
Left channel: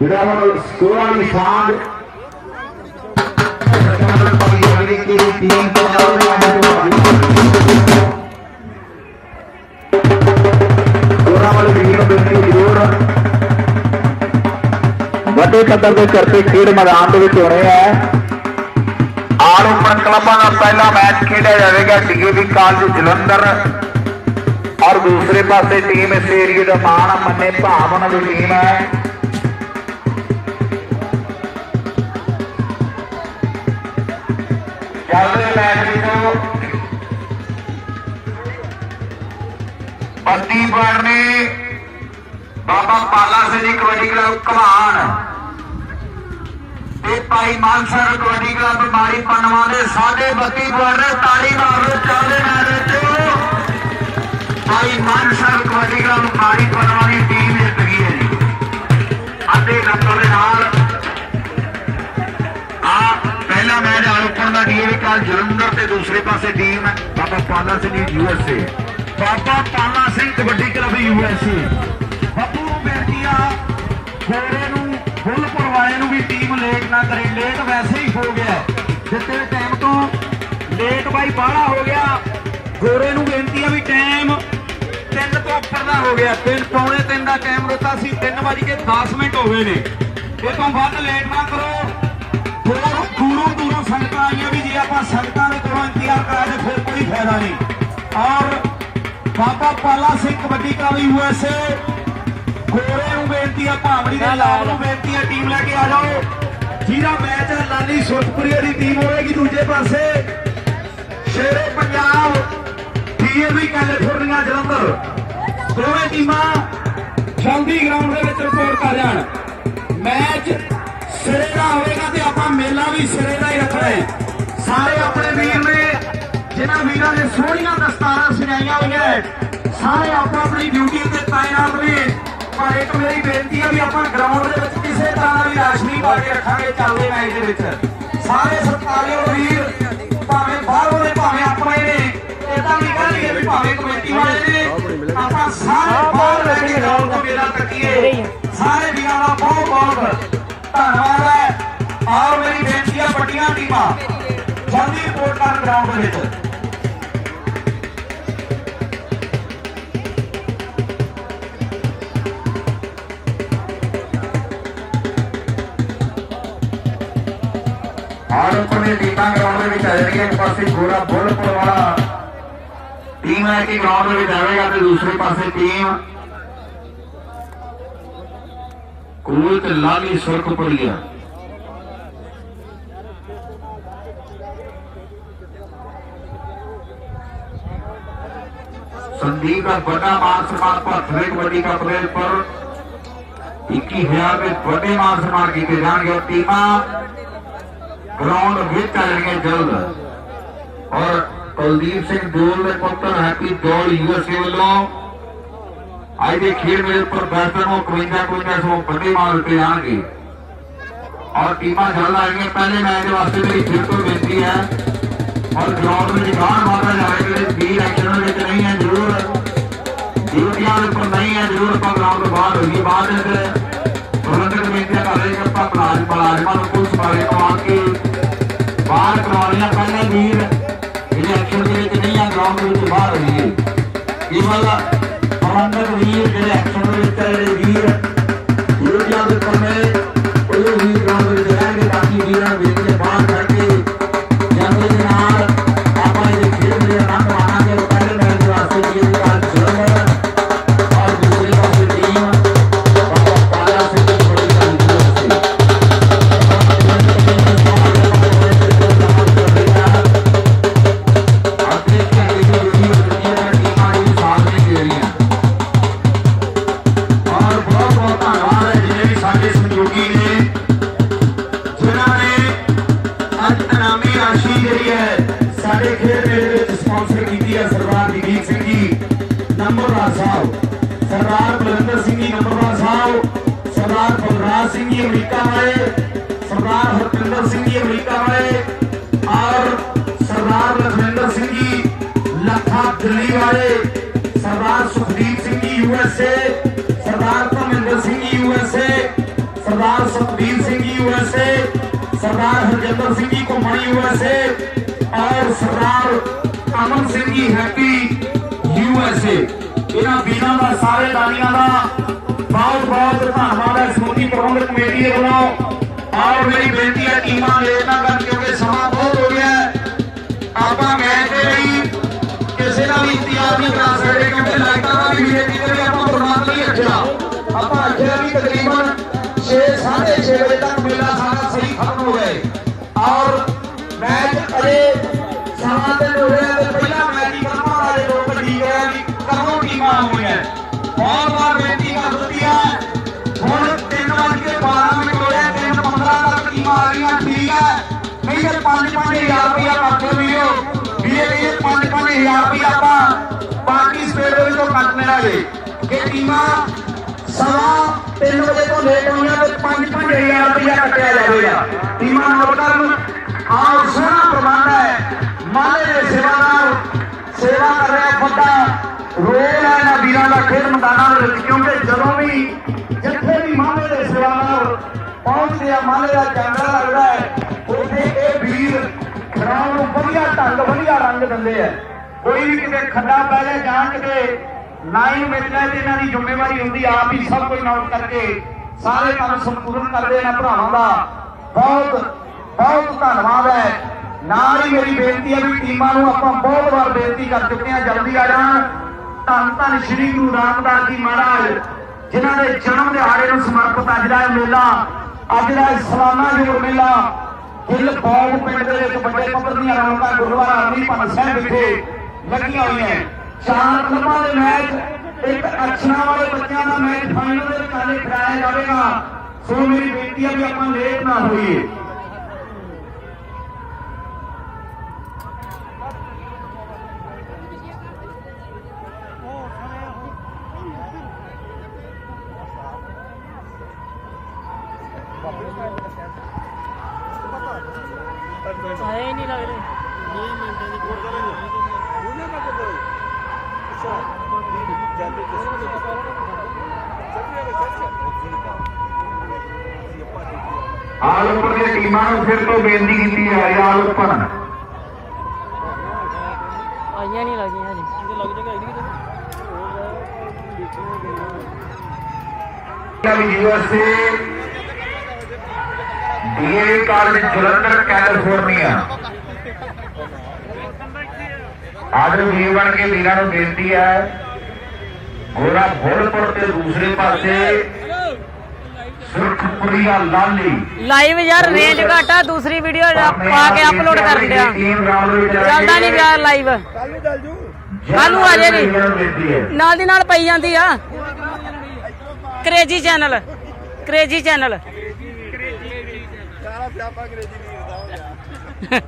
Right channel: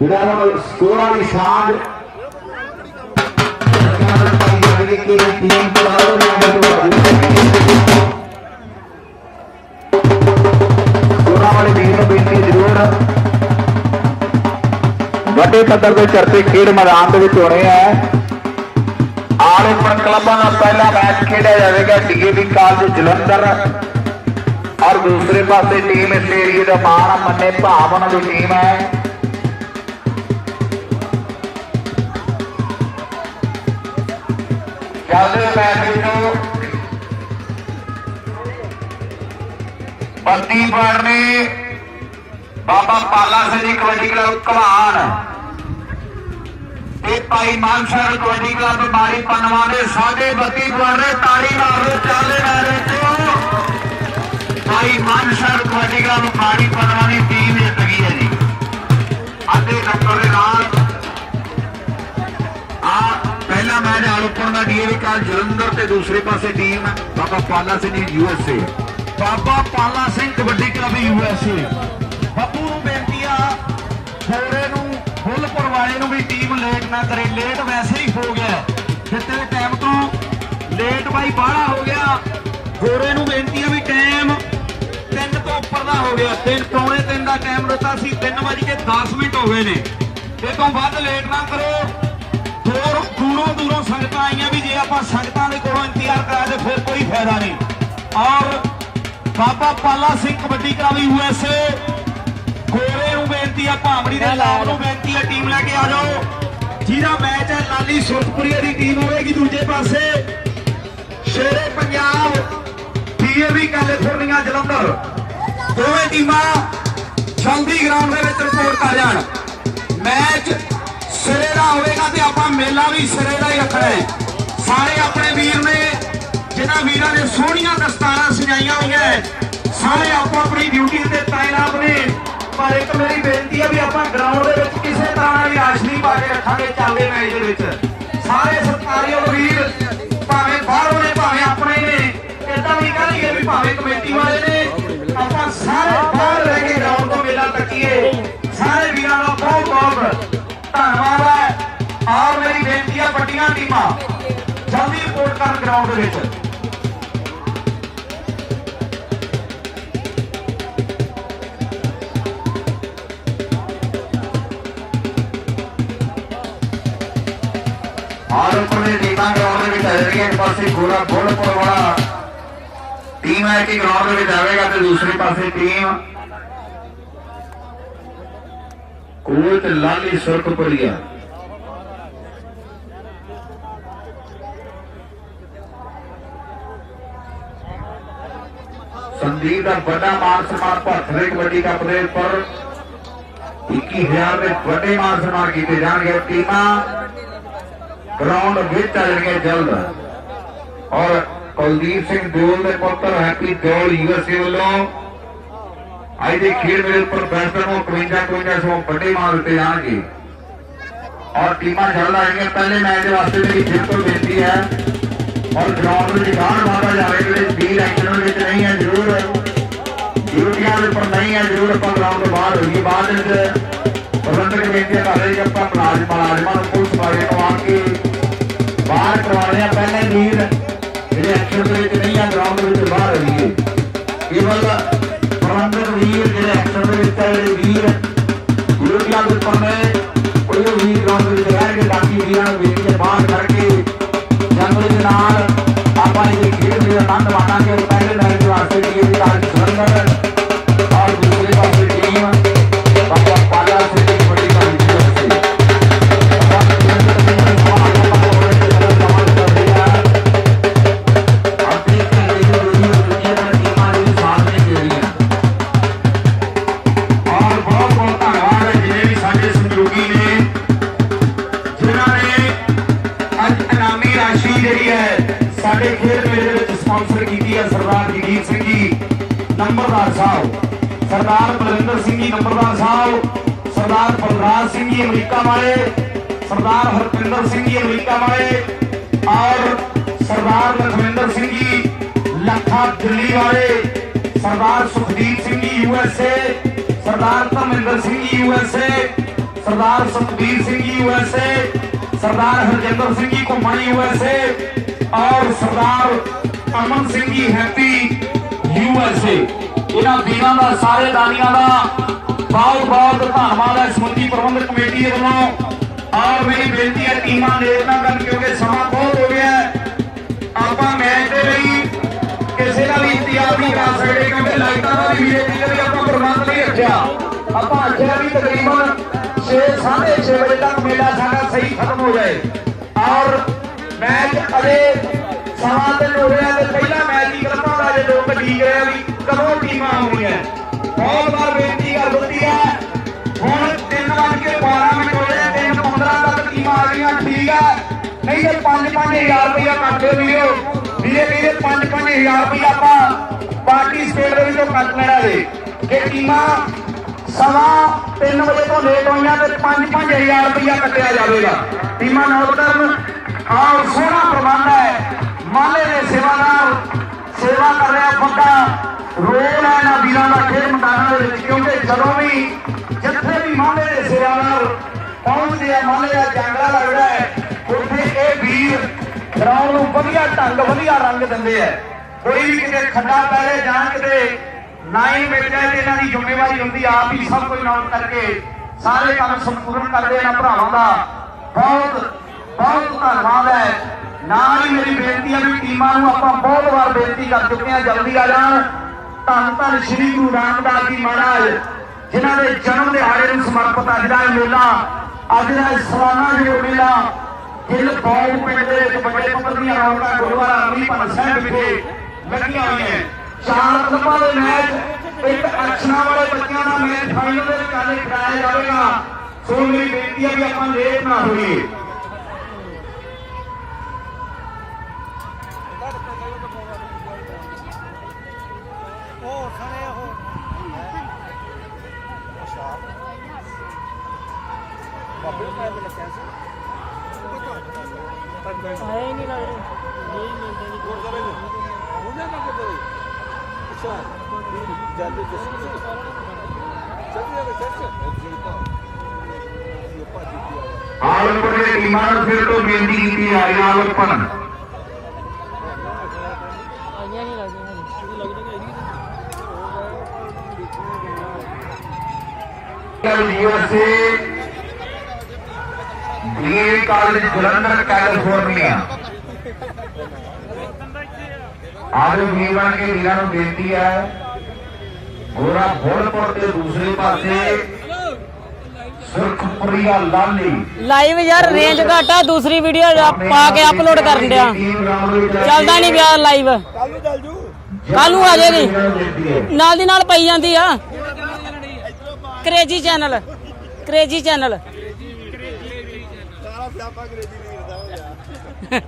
S1: ਜਿਹੜਾ ਹੁਣ ਸਕੋਰ ਵਾਲੀ ਸਾਂਝ ਅਗਲੀ ਕੀ ਟੀਮ ਤੋਂ ਸਕੋਰਾਂ ਵਾਲੀ ਟੀਮ ਨੂੰ ਬੇਨਤੀ ਵੱਡੇ ਪੱਧਰ ਦੇ ਚਰਚੇ ਖੇਡ ਮੈਦਾਨ ਦੇ ਵਿੱਚ ਹੋਣੇ ਆ। ਆਲ ਓਪਨ ਕਲੱਬਾਂ ਦਾ ਪਹਿਲਾ ਮੈਚ ਖੇਡਿਆ ਜਾਵੇਗਾ ਡੀਏਵੀ ਕਾਲਜ ਜਲੰਧਰ। ਔਰ ਦੂਸਰੇ ਪਾਸੇ ਟੀਮ ਇਸ ਏਰੀਏ ਦਾ ਮਾਣ ਮੰਨੇ ਭਾਵ ਉਹਨਾਂ ਦੀ ਟੀਮ ਹੈ ਚੱਲਦੇ ਮੈਚ ਵਿੱਚੋਂ ਪੱਤੀ ਪੜਨੇ ਬਾਬਾ ਪਾਲਾ ਸਿੰਘ ਜੀ ਕਬੱਡੀ ਕਲੱਬ ਕਮਾਨ ਤੇ ਭਾਈ ਮਾਨਸਰ ਕਬੱਡੀ ਕਲੱਬ ਮਾਰੀ ਪਨਵਾ ਦੇ ਸਾਡੇ ਬੱਤੀ ਪੜਨੇ ਤਾੜੀ ਮਾਰੋ ਚੱਲਦੇ ਮੈਚ ਵਿੱਚ। ਭਾਈ ਮਾਨਸਰ ਕਬੱਡੀ ਕਲੱਬ ਮਾਰੀ ਪਨਵਾ ਦੀ ਟੀਮ ਜਿੱਤ ਗਈ ਹੈ ਜੀ। ਅੱਧੇ ਨੰਬਰ ਦੇ ਨਾਲ। ਆ ਪਹਿਲਾ ਮੈਚ ਆਲਪਣ ਦਾ ਡੀਏ ਕਾਲ ਜਲੰਧਰ ਤੇ ਦੂਸਰੇ ਪਾਸੇ ਟੀਮ ਬਾਬਾ Pala Singh ji USA
S2: Baba Pala Singh kabaddi club USA ਗੋਰੇ ਨੂੰ, ਫੁੱਲਪੁਰ ਵਾਲੇ ਨੂੰ ਵੀ ਟੀਮ ਲੇਟ ਨਾ ਕਰੇ। ਲੇਟ ਵੈਸੇ ਹੀ ਹੋ ਗਿਆ। ਹੈ। ਦਿੱਤੇ ਟਾਈਮ ਤੋਂ ਲੇਟ ਬਾਈ ਬਾਹਲਾ ਹੋ ਗਿਆ। ਗੋਰੇ ਨੂੰ ਬੇਨਤੀ ਆ ਵੀ ਟਾਈਮ ਤਿੰਨ ਤੋਂ ਉੱਪਰ ਦਾ ਹੋ ਗਿਆ। ਤਿੰਨ ਪੌਣੇ ਤਿੰਨ ਦਾ ਟਾਈਮ ਦਿੱਤਾ ਸੀ। 3 ਕੇ 10 ਮਿੰਟ ਹੋ ਗਏ ਨੇ। ਇਹ ਤੋਂ ਵੱਧ ਲੇਟ ਨਾ ਕਰੋ। ਹੋਰ ਦੂਰੋਂ ਦੂਰੋਂ ਸੰਗਤਾਂ ਆਈਆਂ ਵੀ ਜੇ ਆਪਾਂ ਸੰਗਤਾਂ ਦੇ ਕੋਲੋਂ ਇੰਤਜ਼ਾਰ ਕਰਾ ਤੇ ਫਿਰ ਕੋਈ ਫਾਇਦਾ ਨਹੀਂ। ਔਰ ਬਾਬਾ ਪਾਲਾ ਸਿੰਘ ਕਬੱਡੀ ਕਲੱਬ ਯੂਐਸਏ ਗੋਰੇ ਨੂੰ ਬੇਨਤੀ ਆ ਭਾਵੜੀ ਦੇ ਲਾਭ ਨੂੰ ਬੇਨਤੀ ਆ ਟੀਮ ਲੈ ਕੇ ਆ ਜਾਓ। ਜਿਹਦਾ ਮੈਚ ਹੈ ਲਾਲੀ ਸੁਰਤਪੁਰੀਆ ਦੀ ਟੀਮ ਹੋਵੇਗੀ ਦੂਜੇ ਪਾਸੇ। Shere Punjab DAV California Jalandhar. ਦੋਵੇਂ ਟੀਮਾਂ ਜਲਦੀ ਗਰਾਊਂਡ ਦੇ ਵਿੱਚ ਰਿਪੋਰਟ ਕਰ ਜਾਣ। ਮੈਚ ਸਿਰੇ ਦਾ ਹੋਵੇਗਾ ਤੇ ਆਪਾਂ ਮੇਲਾ ਵੀ ਸਿਰੇ ਦਾ ਹੀ ਰੱਖਣਾ ਹੈ। ਸਾਰੇ ਆਪਣੇ ਵੀਰ ਨੇ ਜਿਨ੍ਹਾਂ ਵੀਰਾਂ ਨੇ ਸੋਹਣੀਆਂ ਦਸਤਾਰਾਂ ਸਜਾਈਆਂ ਹੋਈਆਂ ਸਾਰੇ ਆਪੋ ਆਪਣੀ ਡਿਊਟੀ ਤੇ ਤਾਇਨਾਤ ਨੇ। ਪਰ ਇੱਕ ਮੇਰੀ ਬੇਨਤੀ ਹੈ ਵੀ ਆਪਾਂ ਗਰਾਊਂਡ ਦੇ ਵਿੱਚ ਕਿਸੇ ਤਰ੍ਹਾਂ ਨਾਲ ਵੀ ਪਾ ਕੇ ਰੱਖਾਂਗੇ ਚੱਲਦੇ ਮੈਚ ਦੇ ਵਿੱਚ। ਸਾਰੇ ਸਤਿਕਾਰਯੋਗ ਵੀਰ ਭਾਵੇਂ ਬਾਹਰੋਂ ਨੇ ਭਾਵੇਂ ਆਪਣੇ ਨੇ ਇਦਾਂ ਨਹੀਂ ਕਰਨਗੇ ਵੀ ਭਾਵੇਂ ਕਮੇਟੀ ਵਾਲੇ ਨੇ। ਆਪਾਂ ਸਾਰੇ ਬਾਹਰ ਲੈ ਕੇ ਗਰਾਊਂਡ ਤੋਂ ਮੇਲਾ ਤੱਕੀਏ ਸਾਰੇ ਵੀਰਾਂ ਦਾ ਬਹੁਤ ਬਹੁਤ ਧੰਨਵਾਦ ਹੈ। ਆਹ ਮੇਰੀ ਬੇਨਤੀ ਹੈ ਵੱਡੀਆਂ ਟੀਮਾਂ, ਜਲਦੀ ਰਿਪੋਰਟ ਕਰਨ ਗਰਾਊਂਡ ਦੇ ਵਿੱਚ।
S1: ਪਾਸੇ ਗੋਰਾ ਬੁੱਲਪੁਰ ਵਾਲਾ ਟੀਮ ਹੈ ਕਿ ਗਰਾਊਂਡ ਦੇ ਵਿੱਚ ਆਵੇਗਾ ਤੇ ਦੂਸਰੇ ਪਾਸੇ ਟੀਮ ਕੋਲ ਤੇ ਲਾਲੀ ਸੁਰਖਪੁਰੀਆ ਸੰਦੀਪ ਦਾ ਵੱਡਾ ਮਾਨ ਸਨਮਾਨ ਭਾਰਤ ਕਬੱਡੀ ਕੱਪ ਦੇ ਉੱਪਰ 21000 ਦੇ ਵੱਡੇ ਮਾਨ ਸਨਮਾਨ ਕੀਤੇ ਜਾਣਗੇ ਟੀਮਾਂ ਗਰਾਊਂਡ ਵਿੱਚ ਚੱਲਣਗੇ ਜਲਦ ਔਰ ਕੁਲਦੀਪ ਸਿੰਘ ਜੋਲ ਦੇ ਪੁੱਤਰ ਹੈਪੀ ਜੋਲ ਯੂਐਸਏ ਵੱਲੋਂ ਅੱਜ ਦੇ ਖੇਡ ਮੇਲੇ ਉੱਪਰ ਬੈਸਟਰ ਨੂੰ 51 51 ਸੌ ਵੱਡੇ ਮਾਰ ਦਿੱਤੇ ਜਾਣਗੇ। ਔਰ ਟੀਮਾਂ ਜਲਦ ਆਣਗੇ ਪਹਿਲੇ ਮੈਚ ਵਾਸਤੇ ਮੇਰੀ ਫਿਰ ਤੋਂ ਬੇਨਤੀ ਹੈ। ਔਰ ਗਰਾਊਂਡ ਵਿੱਚ ਗਾਣ ਮਾਰਦਾ ਜਾਵੇ ਜਿਹੜੇ ਵੀਰ ਐਕਸ਼ਨ ਵਿੱਚ ਨਹੀਂ ਹੈ, ਜ਼ਰੂਰ। ਡਿਊਟੀਆਂ ਦੇ ਉੱਪਰ ਨਹੀਂ ਹੈ, ਜ਼ਰੂਰ ਆਪਾਂ ਗਰਾਊਂਡ ਤੋਂ ਬਾਹਰ ਹੋਈਏ। ਬਾਅਦ ਵਿੱਚ ਪ੍ਰਬੰਧਕ ਬੇਨਤੀਆਂ ਕਰ ਰਹੇ ਕਿ ਆਪਾਂ ਮੁਲਾਜ਼ਮ ਮੁਲਾਜ਼ਮਾਂ ਨੂੰ
S2: ਸਰਦਾਰ ਹਰਜਿੰਦਰ ਸਿੰਘ ਜੀ ਘੁੰਮਣ ਯੂਐਸਏ ਔਰ ਸਰਦਾਰ ਅਮਨ ਸਿੰਘ ਜੀ ਹੈਪੀ ਯੂਐਸਏ ਇਹਨਾਂ ਵੀਰਾਂ ਦਾ, ਸਾਰੇ ਦਾਨੀਆਂ ਦਾ ਬਹੁਤ ਬਹੁਤ ਧੰਨਵਾਦ। ਹੈ ਸਮੁੱਚੀ ਪ੍ਰਬੰਧਕ ਕਮੇਟੀ ਦੇ ਵੱਲੋਂ ਸਮਾਂ ਤੇ ਪਹਿਲਾ ਮੈਚ ਹੀ ਕਰਨਾ ਵਾਲੇ ਲੋਕ ਭੱਜੀ ਗਏ ਵੀ ਕਦੋਂ ਟੀਮਾਂ ਆਉਣੀਆਂ ਬਹੁਤ ਬਹੁਤ ਬੇਨਤੀ ਕਰ ਦਿੱਤੀ ਹੈ। ਹੁਣ 3 ਵਜੇ ਕੇ 12 ਮਿੰਟ ਹੋਏ 3:15 ਤੱਕ ਟੀਮਾਂ ਆ ਗਈਆਂ, ਠੀਕ ਹੈ। ਨਹੀਂ ਤੇ 5-5000 ਰੁਪਇਆ ਕੱਟ ਦਿਓ ਵੀਰੋ। ਵੀਰੇ ਵੀਰੇ 5-5000 ਰੁਪਇਆ ਆਪਾਂ ਪਾਰਟਿਸਪੇਟ ਦੇ ਵਿੱਚੋਂ ਕੱਟ ਲੈਣਾ ਜੇ। ਇਹ ਟੀਮਾਂ ਸਵਾ 3 ਵਜੇ ਤੋਂ ਲੇਟ ਹੋਈਆਂ ਤੇ 5-5000 ਰੁਪਇਆ ਕੱਟਿਆ ਜਾਵੇਗਾ। ਟੀਮਾਂ ਨੋਟ ਕਰਨ। ਆਹ ਸੋਹਣਾ ਪ੍ਰਬੰਧ ਹੈ। ਮਾਲੇ ਦੇ ਸੇਵਾਦਾਰ ਸੇਵਾ ਕਰ ਰਿਹਾ ਬੰਦਾ, ਰੋਲ ਹੈ ਨਾ ਵੀਰਾਂ ਦਾ ਖੇਡ ਮੈਦਾਨਾਂ ਦੇ ਵਿੱਚ, ਕਿਉਂਕਿ ਜਦੋਂ ਵੀ ਜਿੱਥੇ ਵੀ ਮਾਲੇ ਦੇ ਸੇਵਾਦਾਰ ਪਹੁੰਚਦੇ ਆ ਮਾਲੇ ਦਾ ਜਾਂਗੜਾ ਲੱਗਦਾ ਹੈ, ਉੱਥੇ ਇਹ ਵੀਰ ਗਰਾਊਂਡ ਨੂੰ ਵਧੀਆ ਢੰਗ, ਵਧੀਆ ਰੰਗ ਦਿੰਦੇ ਆ। ਕੋਈ ਵੀ ਕਿਤੇ ਖੱਡਾ ਪੈ ਜਾਏ ਜਾਂ ਕਿਤੇ ਨਾਈ ਵੇਚਣੇ ਤੇ ਇਹਨਾਂ ਦੀ ਜ਼ਿੰਮੇਵਾਰੀ ਹੁੰਦੀ ਆਪ ਹੀ ਸਭ ਕੁਝ ਨੋਟ ਕਰਕੇ ਸਾਰੇ ਕੰਮ ਸੰਪੂਰਨ ਕਰਦੇ ਇਹਨਾਂ ਭਰਾਵਾਂ ਦਾ। ਬਹੁਤ ਬਹੁਤ ਧੰਨਵਾਦ ਹੈ। ਨਾਲ ਹੀ ਮੇਰੀ ਬੇਨਤੀ ਹੈ ਵੀ ਟੀਮਾਂ ਨੂੰ ਆਪਾਂ ਬਹੁਤ ਵਾਰ ਬੇਨਤੀ ਕਰ ਚੁੱਕੇ ਹਾਂ, ਜਲਦੀ ਆ ਜਾਣ। ਧੰਨ ਧੰਨ ਸ੍ਰੀ ਗੁਰੂ ਰਾਮਦਾਸ ਜੀ ਮਹਾਰਾਜ, ਜਿਨ੍ਹਾਂ ਦੇ ਜਨਮ ਦਿਹਾੜੇ ਨੂੰ ਸਮਰਪਿਤ ਅੱਜ ਦਾ ਮੇਲਾ, ਅੱਜ ਦਾ ਇਹ ਜੋ ਮੇਲਾ, ਗਿੱਲ ਬੌਲ ਪਿੰਡ ਦੇ ਵਿੱਚ ਵੱਡੇ ਪੱਧਰ ਦੀਆਂ ਰੌਣਕਾਂ ਗੁਰਦੁਆਰਾ ਅਮਲੀ ਭੰਨ ਸਾਹਿਬ ਵਿਖੇ ਲੱਗੀਆਂ ਹੋਈਆਂ। ਚਾਰ ਕਲਮਾਂ ਦੇ ਮੈਚ, ਇੱਕ ਐਕਸ਼ਨਾਂ ਵਾਲੇ ਬੱਚਿਆਂ ਦਾ ਮੈਚ ਫਾਈਨਲ ਦੇ ਵਿੱਚ ਖਿਡਾਇਆ ਜਾਵੇਗਾ। ਸੋ ਮੇਰੀ ਬੇਨਤੀ ਹੈ ਵੀ ਆਪਾਂ ਲੇਟ ਨਾ ਹੋਈਏ
S3: ਆਏ ਹੀ ਨਹੀਂ ਲੱਗ ਰਹੇ
S1: ਆਲਮਪੁਰ ਦੇ ਟੀਮਾਂ ਨੂੰ ਫਿਰ ਤੋਂ ਬੇਨਤੀ ਕੀਤੀ ਹੈ ਆਲਮਪੁਰ
S3: ਆਈਆਂ ਨਹੀਂ ਲੱਗਦੀਆਂ ਹਜੇ
S1: USA DA college Jalandhar California ਅੱਜ ਵੀ ਬਣ ਕੇ ਵੀਰਾਂ ਨੂੰ ਬੇਨਤੀ ਹੈ ਗੋਰਾ ਫੋੜਪੁਰ ਤੇ ਦੂਸਰੇ ਪਾਸੇ ਸੁਰਖਪੁਰੀਆ ਲਾਲੀ।
S3: ਲਾਈਵ ਯਾਰ ਰੇਂਜ ਘੱਟ ਦੂਸਰੀ ਵੀਡੀਓ ਪਾ ਕੇ ਅਪਲੋਡ ਕਰ ਦਿੰਦਿਆ
S1: ਦੇ
S3: ਚੱਲਦਾ ਨਹੀਂ ਪਿਆ ਲਾਈਵ ਕੱਲ ਨੂੰ ਆ ਜਾਏਗੀ। ਨਾਲ ਦੀ ਨਾਲ ਪਈ ਜਾਂਦੀ ਆ। Crazy channel crazy channel Nimma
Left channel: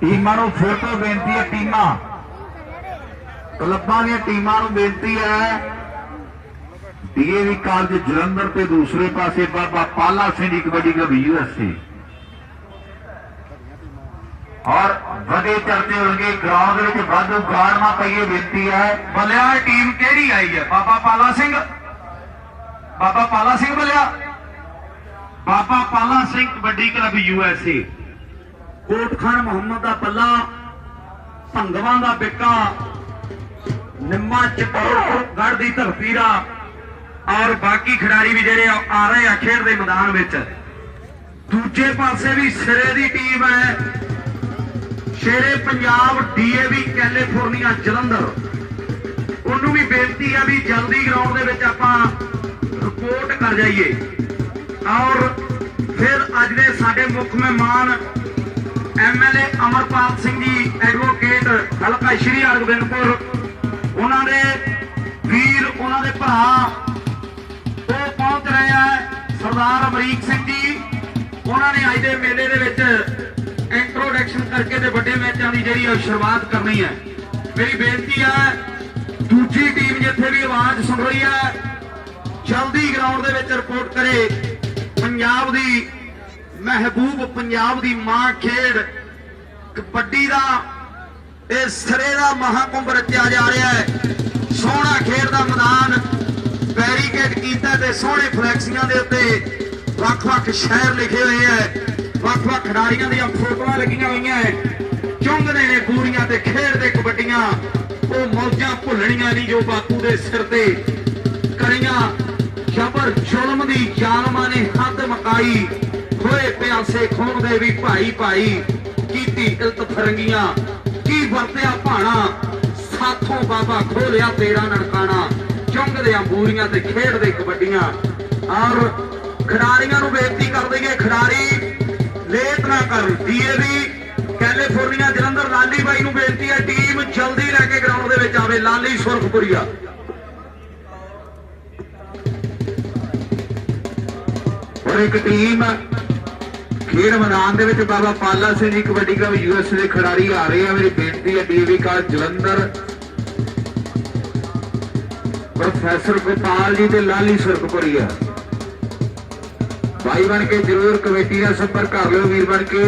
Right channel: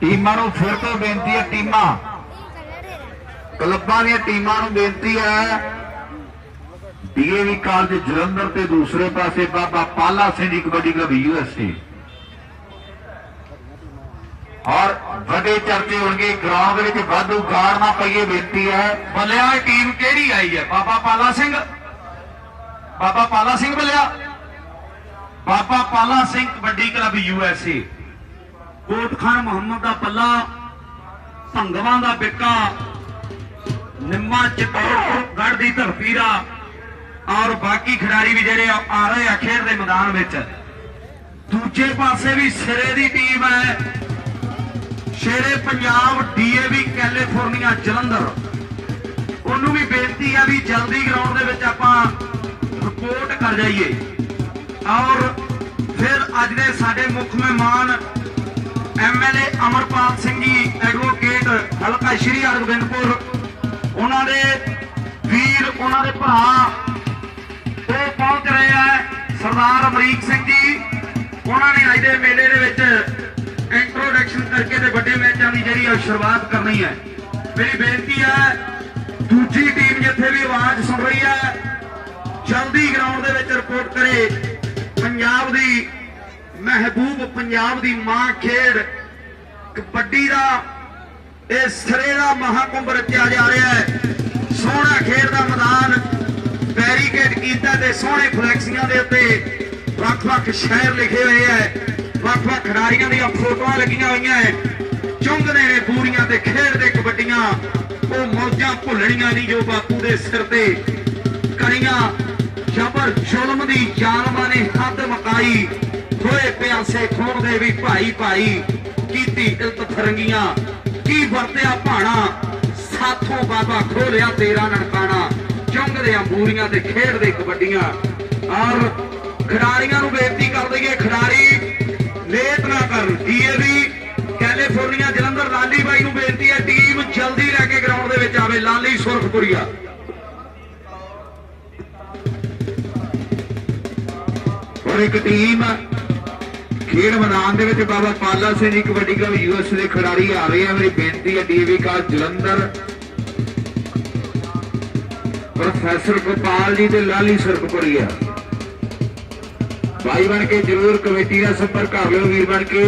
S1: ਟੀਮਾਂ ਨੂੰ ਫਿਰ ਤੋਂ ਬੇਨਤੀ ਹੈ, ਟੀਮਾਂ। ਕਲੱਬਾਂ ਦੀਆਂ ਟੀਮਾਂ ਨੂੰ ਬੇਨਤੀ ਹੈ, ਡੀਏਵੀ ਕਾਲਜ ਜਲੰਧਰ ਤੇ ਦੂਸਰੇ ਪਾਸੇ ਬਾਬਾ ਪਾਲਾ ਸਿੰਘ ਦੀ ਕਬੱਡੀ ਕਲੱਬ ਯੂਐਸਏ ਔਰ ਵੱਡੇ ਚਰਚੇ ਹੋਣਗੇ ਗਰਾਊਂਡ ਦੇ ਵਿੱਚ ਵਾਧੂ ਗਾੜ ਨਾ ਪਈਏ, ਬੇਨਤੀ ਹੈ।
S2: ਬਲਿਆ ਟੀਮ ਕਿਹੜੀ ਆਈ ਹੈ? ਬਾਬਾ ਪਾਲਾ ਸਿੰਘ? ਬਾਬਾ Pala Singh ਬਲਿਆ? Baba Pala Singh kabaddi club USA. ਕੋਟ ਖਾਨ ਮੁਹੰਮਦ ਦਾ ਪੱਲਾ, ਭੰਗਵਾਂ ਦਾ ਬਿੱਕਾ, ਨਿੰਮਾ ਚਤੌੜ ਦੀ ਧਰਤੀ ਔਰ ਬਾਕੀ ਖਿਡਾਰੀ ਵੀ ਜਿਹੜੇ ਆ ਰਹੇ ਆ ਖੇਡ ਦੇ ਮੈਦਾਨ ਵਿੱਚ। ਦੂਜੇ ਪਾਸੇ ਵੀ ਸਿਰੇ ਦੀ ਟੀਮ ਹੈ। Shere Punjab DAV California Jalandhar. ਉਹਨੂੰ ਵੀ ਬੇਨਤੀ ਆ ਵੀ ਜਲਦੀ ਗਰਾਊਂਡ ਦੇ ਵਿੱਚ ਆਪਾਂ ਰਿਪੋਰਟ ਕਰ ਜਾਈਏ। ਔਰ ਫਿਰ ਅੱਜ ਦੇ ਸਾਡੇ ਮੁੱਖ ਮਹਿਮਾਨ ਐਮਐਲਏ ਅਮਰਪਾਲ ਸਿੰਘ ਜੀ ਐਡਵੋਕੇਟ ਹਲਕਾ ਸ਼੍ਰੀ ਅਰਗੋਬਿੰਦਪੁਰ ਉਹਨਾਂ ਦੇ ਵੀਰ, ਉਹਨਾਂ ਦੇ ਭਰਾ, ਉਹ ਪਹੁੰਚ ਰਹੇ ਆ ਸਰਦਾਰ ਅਮਰੀਕ ਸਿੰਘ ਜੀ। ਉਹਨਾਂ ਨੇ ਅੱਜ ਦੇ ਮੇਲੇ ਦੇ ਵਿੱਚ ਇੰਟਰੋਡਕਸ਼ਨ ਕਰਕੇ ਤੇ ਵੱਡੇ ਮੈਚਾਂ ਦੀ ਜਿਹੜੀ ਆ ਸ਼ੁਰੂਆਤ ਕਰਨੀ ਹੈ। ਮੇਰੀ ਬੇਨਤੀ ਹੈ ਦੂਜੀ ਟੀਮ ਜਿੱਥੇ ਵੀ ਆਵਾਜ਼ ਸੁਣ ਰਹੀ ਹੈ ਜਲਦੀ ਗਰਾਊਂਡ ਦੇ ਵਿੱਚ ਰਿਪੋਰਟ ਕਰੇ। ਪੰਜਾਬ ਦੀ ਮਹਿਬੂਬ ਪੰਜਾਬ ਦੀ ਮਾਂ ਖੇਡ ਕਬੱਡੀ ਦਾ, ਇਹ ਸਿਰੇ ਦਾ ਮਹਾਕੁੰਭ ਰਚਿਆ ਜਾ ਰਿਹਾ ਹੈ। ਸੋਹਣਾ ਖੇਡ ਦਾ ਮੈਦਾਨ, ਬੈਰੀਕੇਡ ਕੀਤਾ ਤੇ ਸੋਹਣੇ ਫਲੈਕਸੀਆਂ ਦੇ ਉੱਤੇ ਵੱਖ-ਵੱਖ ਸ਼ਹਿਰ ਲਿਖੇ ਹੋਏ ਹੈ। ਵੱਖ-ਵੱਖ ਖਿਡਾਰੀਆਂ ਦੀਆਂ ਫੋਟੋਆਂ ਲੱਗੀਆਂ ਹੋਈਆਂ ਹੈ। ਚੁੰਗਦੇ ਨੇ ਪੂਰੀਆਂ ਤੇ ਖੇਡਦੇ ਕਬੱਡੀਆਂ। ਉਹ ਮੌਜਾਂ ਭੁੱਲਣੀਆਂ ਨਹੀਂ ਜੋ ਬਾਪੂ ਦੇ ਸਿਰ ਤੇ ਕਰੀਆਂ। ਜਬਰ ਜ਼ੁਲਮ ਦੀ ਜ਼ਾਲਮਾਂ ਨੇ ਹੱਦ ਮਕਾਈ। ਹੋਏ ਪਿਆਸੇ ਵੀ ਭਾਈ ਭਾਈ ਕੀਤੀ ਇਲਤ ਫਰੰਗੀਆਂ, ਕੀ ਵਰਤਿਆ ਭਾਣਾ, ਸਾਥੋਂ ਬਾਬਾ ਖੋਲਿਆ ਤੇਰਾ ਨਨਕਾਣਾ ਚੁੰਗਦੇ ਬੂਰੀਆਂ ਤੇ ਖੇਡਦੇ ਕਬੱਡੀਆਂ। ਔਰ ਖਿਡਾਰੀਆਂ ਨੂੰ ਬੇਨਤੀ ਕਰ ਦਈਏ ਖਿਡਾਰੀ ਲੇਟ ਨਾ ਕਰਨ। ਡੀਏਵੀ ਕੈਲੀਫੋਰਨੀਆ ਜਲੰਧਰ, ਲਾਲੀ ਬਾਈ ਨੂੰ ਬੇਨਤੀ ਹੈ, ਟੀਮ ਜਲਦੀ ਲੈ ਕੇ ਗਰਾਊਂਡ ਦੇ ਵਿੱਚ ਆਵੇ, ਲਾਲੀ ਸੁਰਖਪੁਰੀਆ।
S1: ਇੱਕ ਟੀਮ ਖੇਡ ਮੈਦਾਨ ਦੇ ਵਿੱਚ ਬਾਬਾ ਪਾਲਾ ਸਿੰਘ ਜੀ, ਕਬੱਡੀ ਕਲੱਬ ਯੂਐਸ ਦੇ ਖਿਡਾਰੀ ਆ ਰਹੇ ਆ। ਮੇਰੀ ਬੇਨਤੀ ਹੈ DV college Jalandhar. Professor Gopal ji ਤੇ ਲਾਲੀ ਸੁਰਖਪੁਰੀਆ ਭਾਈ ਬਣ ਕੇ ਜਰੂਰ ਕਮੇਟੀ ਨਾਲ ਸੰਪਰਕ ਕਰ ਲਿਓ ਵੀਰ ਬਣ ਕੇ।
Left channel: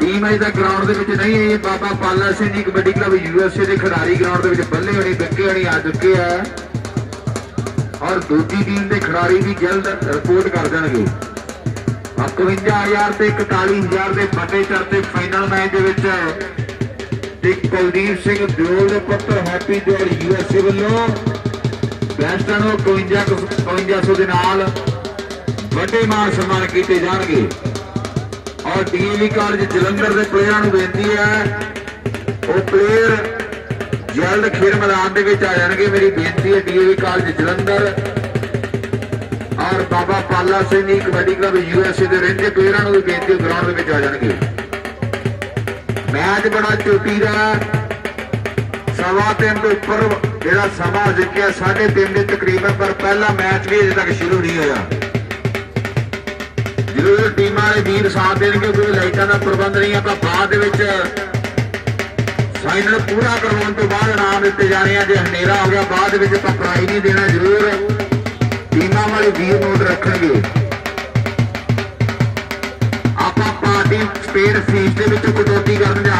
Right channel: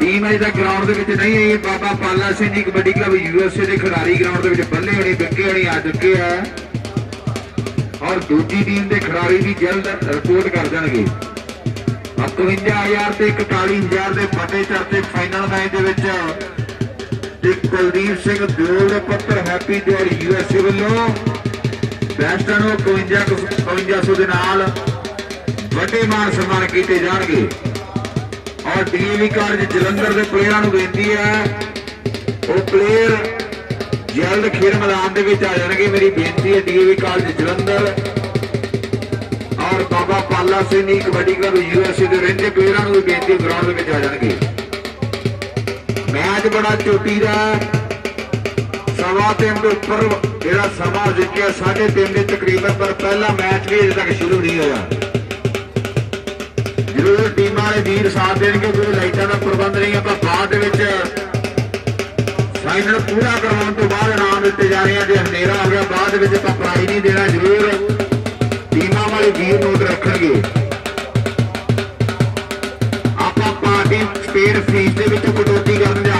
S1: ਟੀਮ ਅਜੇ ਤੱਕ ਗਰਾਊਂਡ ਦੇ ਵਿੱਚ ਨਹੀਂ ਆਈ। ਬਾਬਾ ਪਾਲਾ ਸਿੰਘ ਜੀ, ਕਬੱਡੀ ਕਲੱਬ ਯੂਐਸਏ ਦੇ ਖਿਡਾਰੀ ਗਰਾਊਂਡ ਦੇ ਵਿੱਚ ਬੱਲੇ ਹੋਣੇ ਬੱਕੇ ਹੋਣੇ ਆ ਚੁੱਕੇ ਆ। ਔਰ ਦੂਜੀ ਟੀਮ ਦੇ ਖਿਡਾਰੀ ਵੀ ਜਲਦ ਰਿਪੋਰਟ ਕਰ ਦੇਣਗੇ। 51000 ਤੇ 41000 ਦੇ ਫਤਿਹ ਚੜ੍ਹਦੇ ਫਾਈਨਲ ਮੈਚ ਦੇ ਵਿੱਚ ਇੱਕ ਕੁਲਦੀਪ ਸਿੰਘ ਦਿਓਲ ਦੇ ਪੁੱਤਰ ਹੈਪੀ ਦਿਓਲ ਯੂਐਸਏ ਵੱਲੋਂ ਬੈਸਟਾਂ ਨੂੰ 52 5200 ਦੇ ਨਾਲ ਵੱਡੇ ਮਾਨ ਸਨਮਾਨ ਕੀਤੇ ਜਾਣਗੇ। ਔਰ ਡੀਵੀ ਕਾਲਜ ਜਲੰਧਰ ਦੇ ਪਲੇਅਰਾਂ ਨੂੰ ਬੇਨਤੀ ਹੈ, ਉਹ ਪਲੇਅਰ ਜਲਦ ਖੇਡ ਮੈਦਾਨ ਦੇ ਵਿੱਚ ਆ ਜਾਣਗੇ। ਮੇਰੀ ਬੇਨਤੀ ਹੈ ਡੀਵੀ ਕਾਲਜ ਜਲੰਧਰ ਔਰ ਬਾਬਾ ਪਾਲਾ ਸਿੰਘ ਜੀ ਕਬੱਡੀ ਕਲੱਬ ਯੂਐਸਏ ਦੇ ਰਹਿੰਦੇ ਪਲੇਅਰਾਂ ਨੂੰ ਵੀ ਬੇਨਤੀ ਗਰਾਊਂਡ ਦੇ ਵਿੱਚ ਆ ਜਾਣਗੇ। ਮੈਚ ਬੜਾ ਚੋਟੀ ਦਾ ਸਵਾ ਤਿੰਨ ਦੇ ਉੱਪਰ ਜਿਹੜਾ ਸਮਾਂ ਜਿੱਕਿਆ ਸਾਢੇ ਤਿੰਨ ਦੇ ਤਕਰੀਬਨ, ਪਰ ਪਹਿਲਾ ਮੈਚ ਵੀ ਅਜੇ ਤੱਕ ਸ਼ੁਰੂ ਨਹੀਂ ਹੋਇਆ। ਜਦੋਂ ਟੀਮਾਂ ਦੇ ਵੀਰ ਸਾਥ ਦੇਣਗੇ, ਉਦੋਂ ਲਾਈਟਾਂ ਦਾ ਪ੍ਰਬੰਧ ਨਹੀਂ ਆਪਾਂ ਬਾਅਦ ਦੇ ਵਿੱਚ ਫਾਈਨਲ ਪੂਰਾ ਕਰਵਾਉਣ ਤੋਂ ਬਾਅਦ ਇਨਾਮ ਦਿੱਤੇ ਜਾ ਰਹੇ ਆ, ਜੇ ਹਨੇਰਾ ਹੋ ਗਿਆ, ਬਾਅਦ ਵਿੱਚ ਆਪਾਂ ਪ੍ਰਾਈਜ਼ ਨਹੀਂ ਦੇਣਾ ਜ਼ਰੂਰ। ਟੀਮਾਂ ਵਾਲੇ ਵੀਰ ਨੋਟ ਰੱਖਣਗੇ। ਆਪਾਂ ਪਾਰਟੀ ਸਪੇਅਰ ਫੀਸ ਦੇ ਵਿੱਚ ਕਟੌਤੀ ਕਰਨ ਜਾ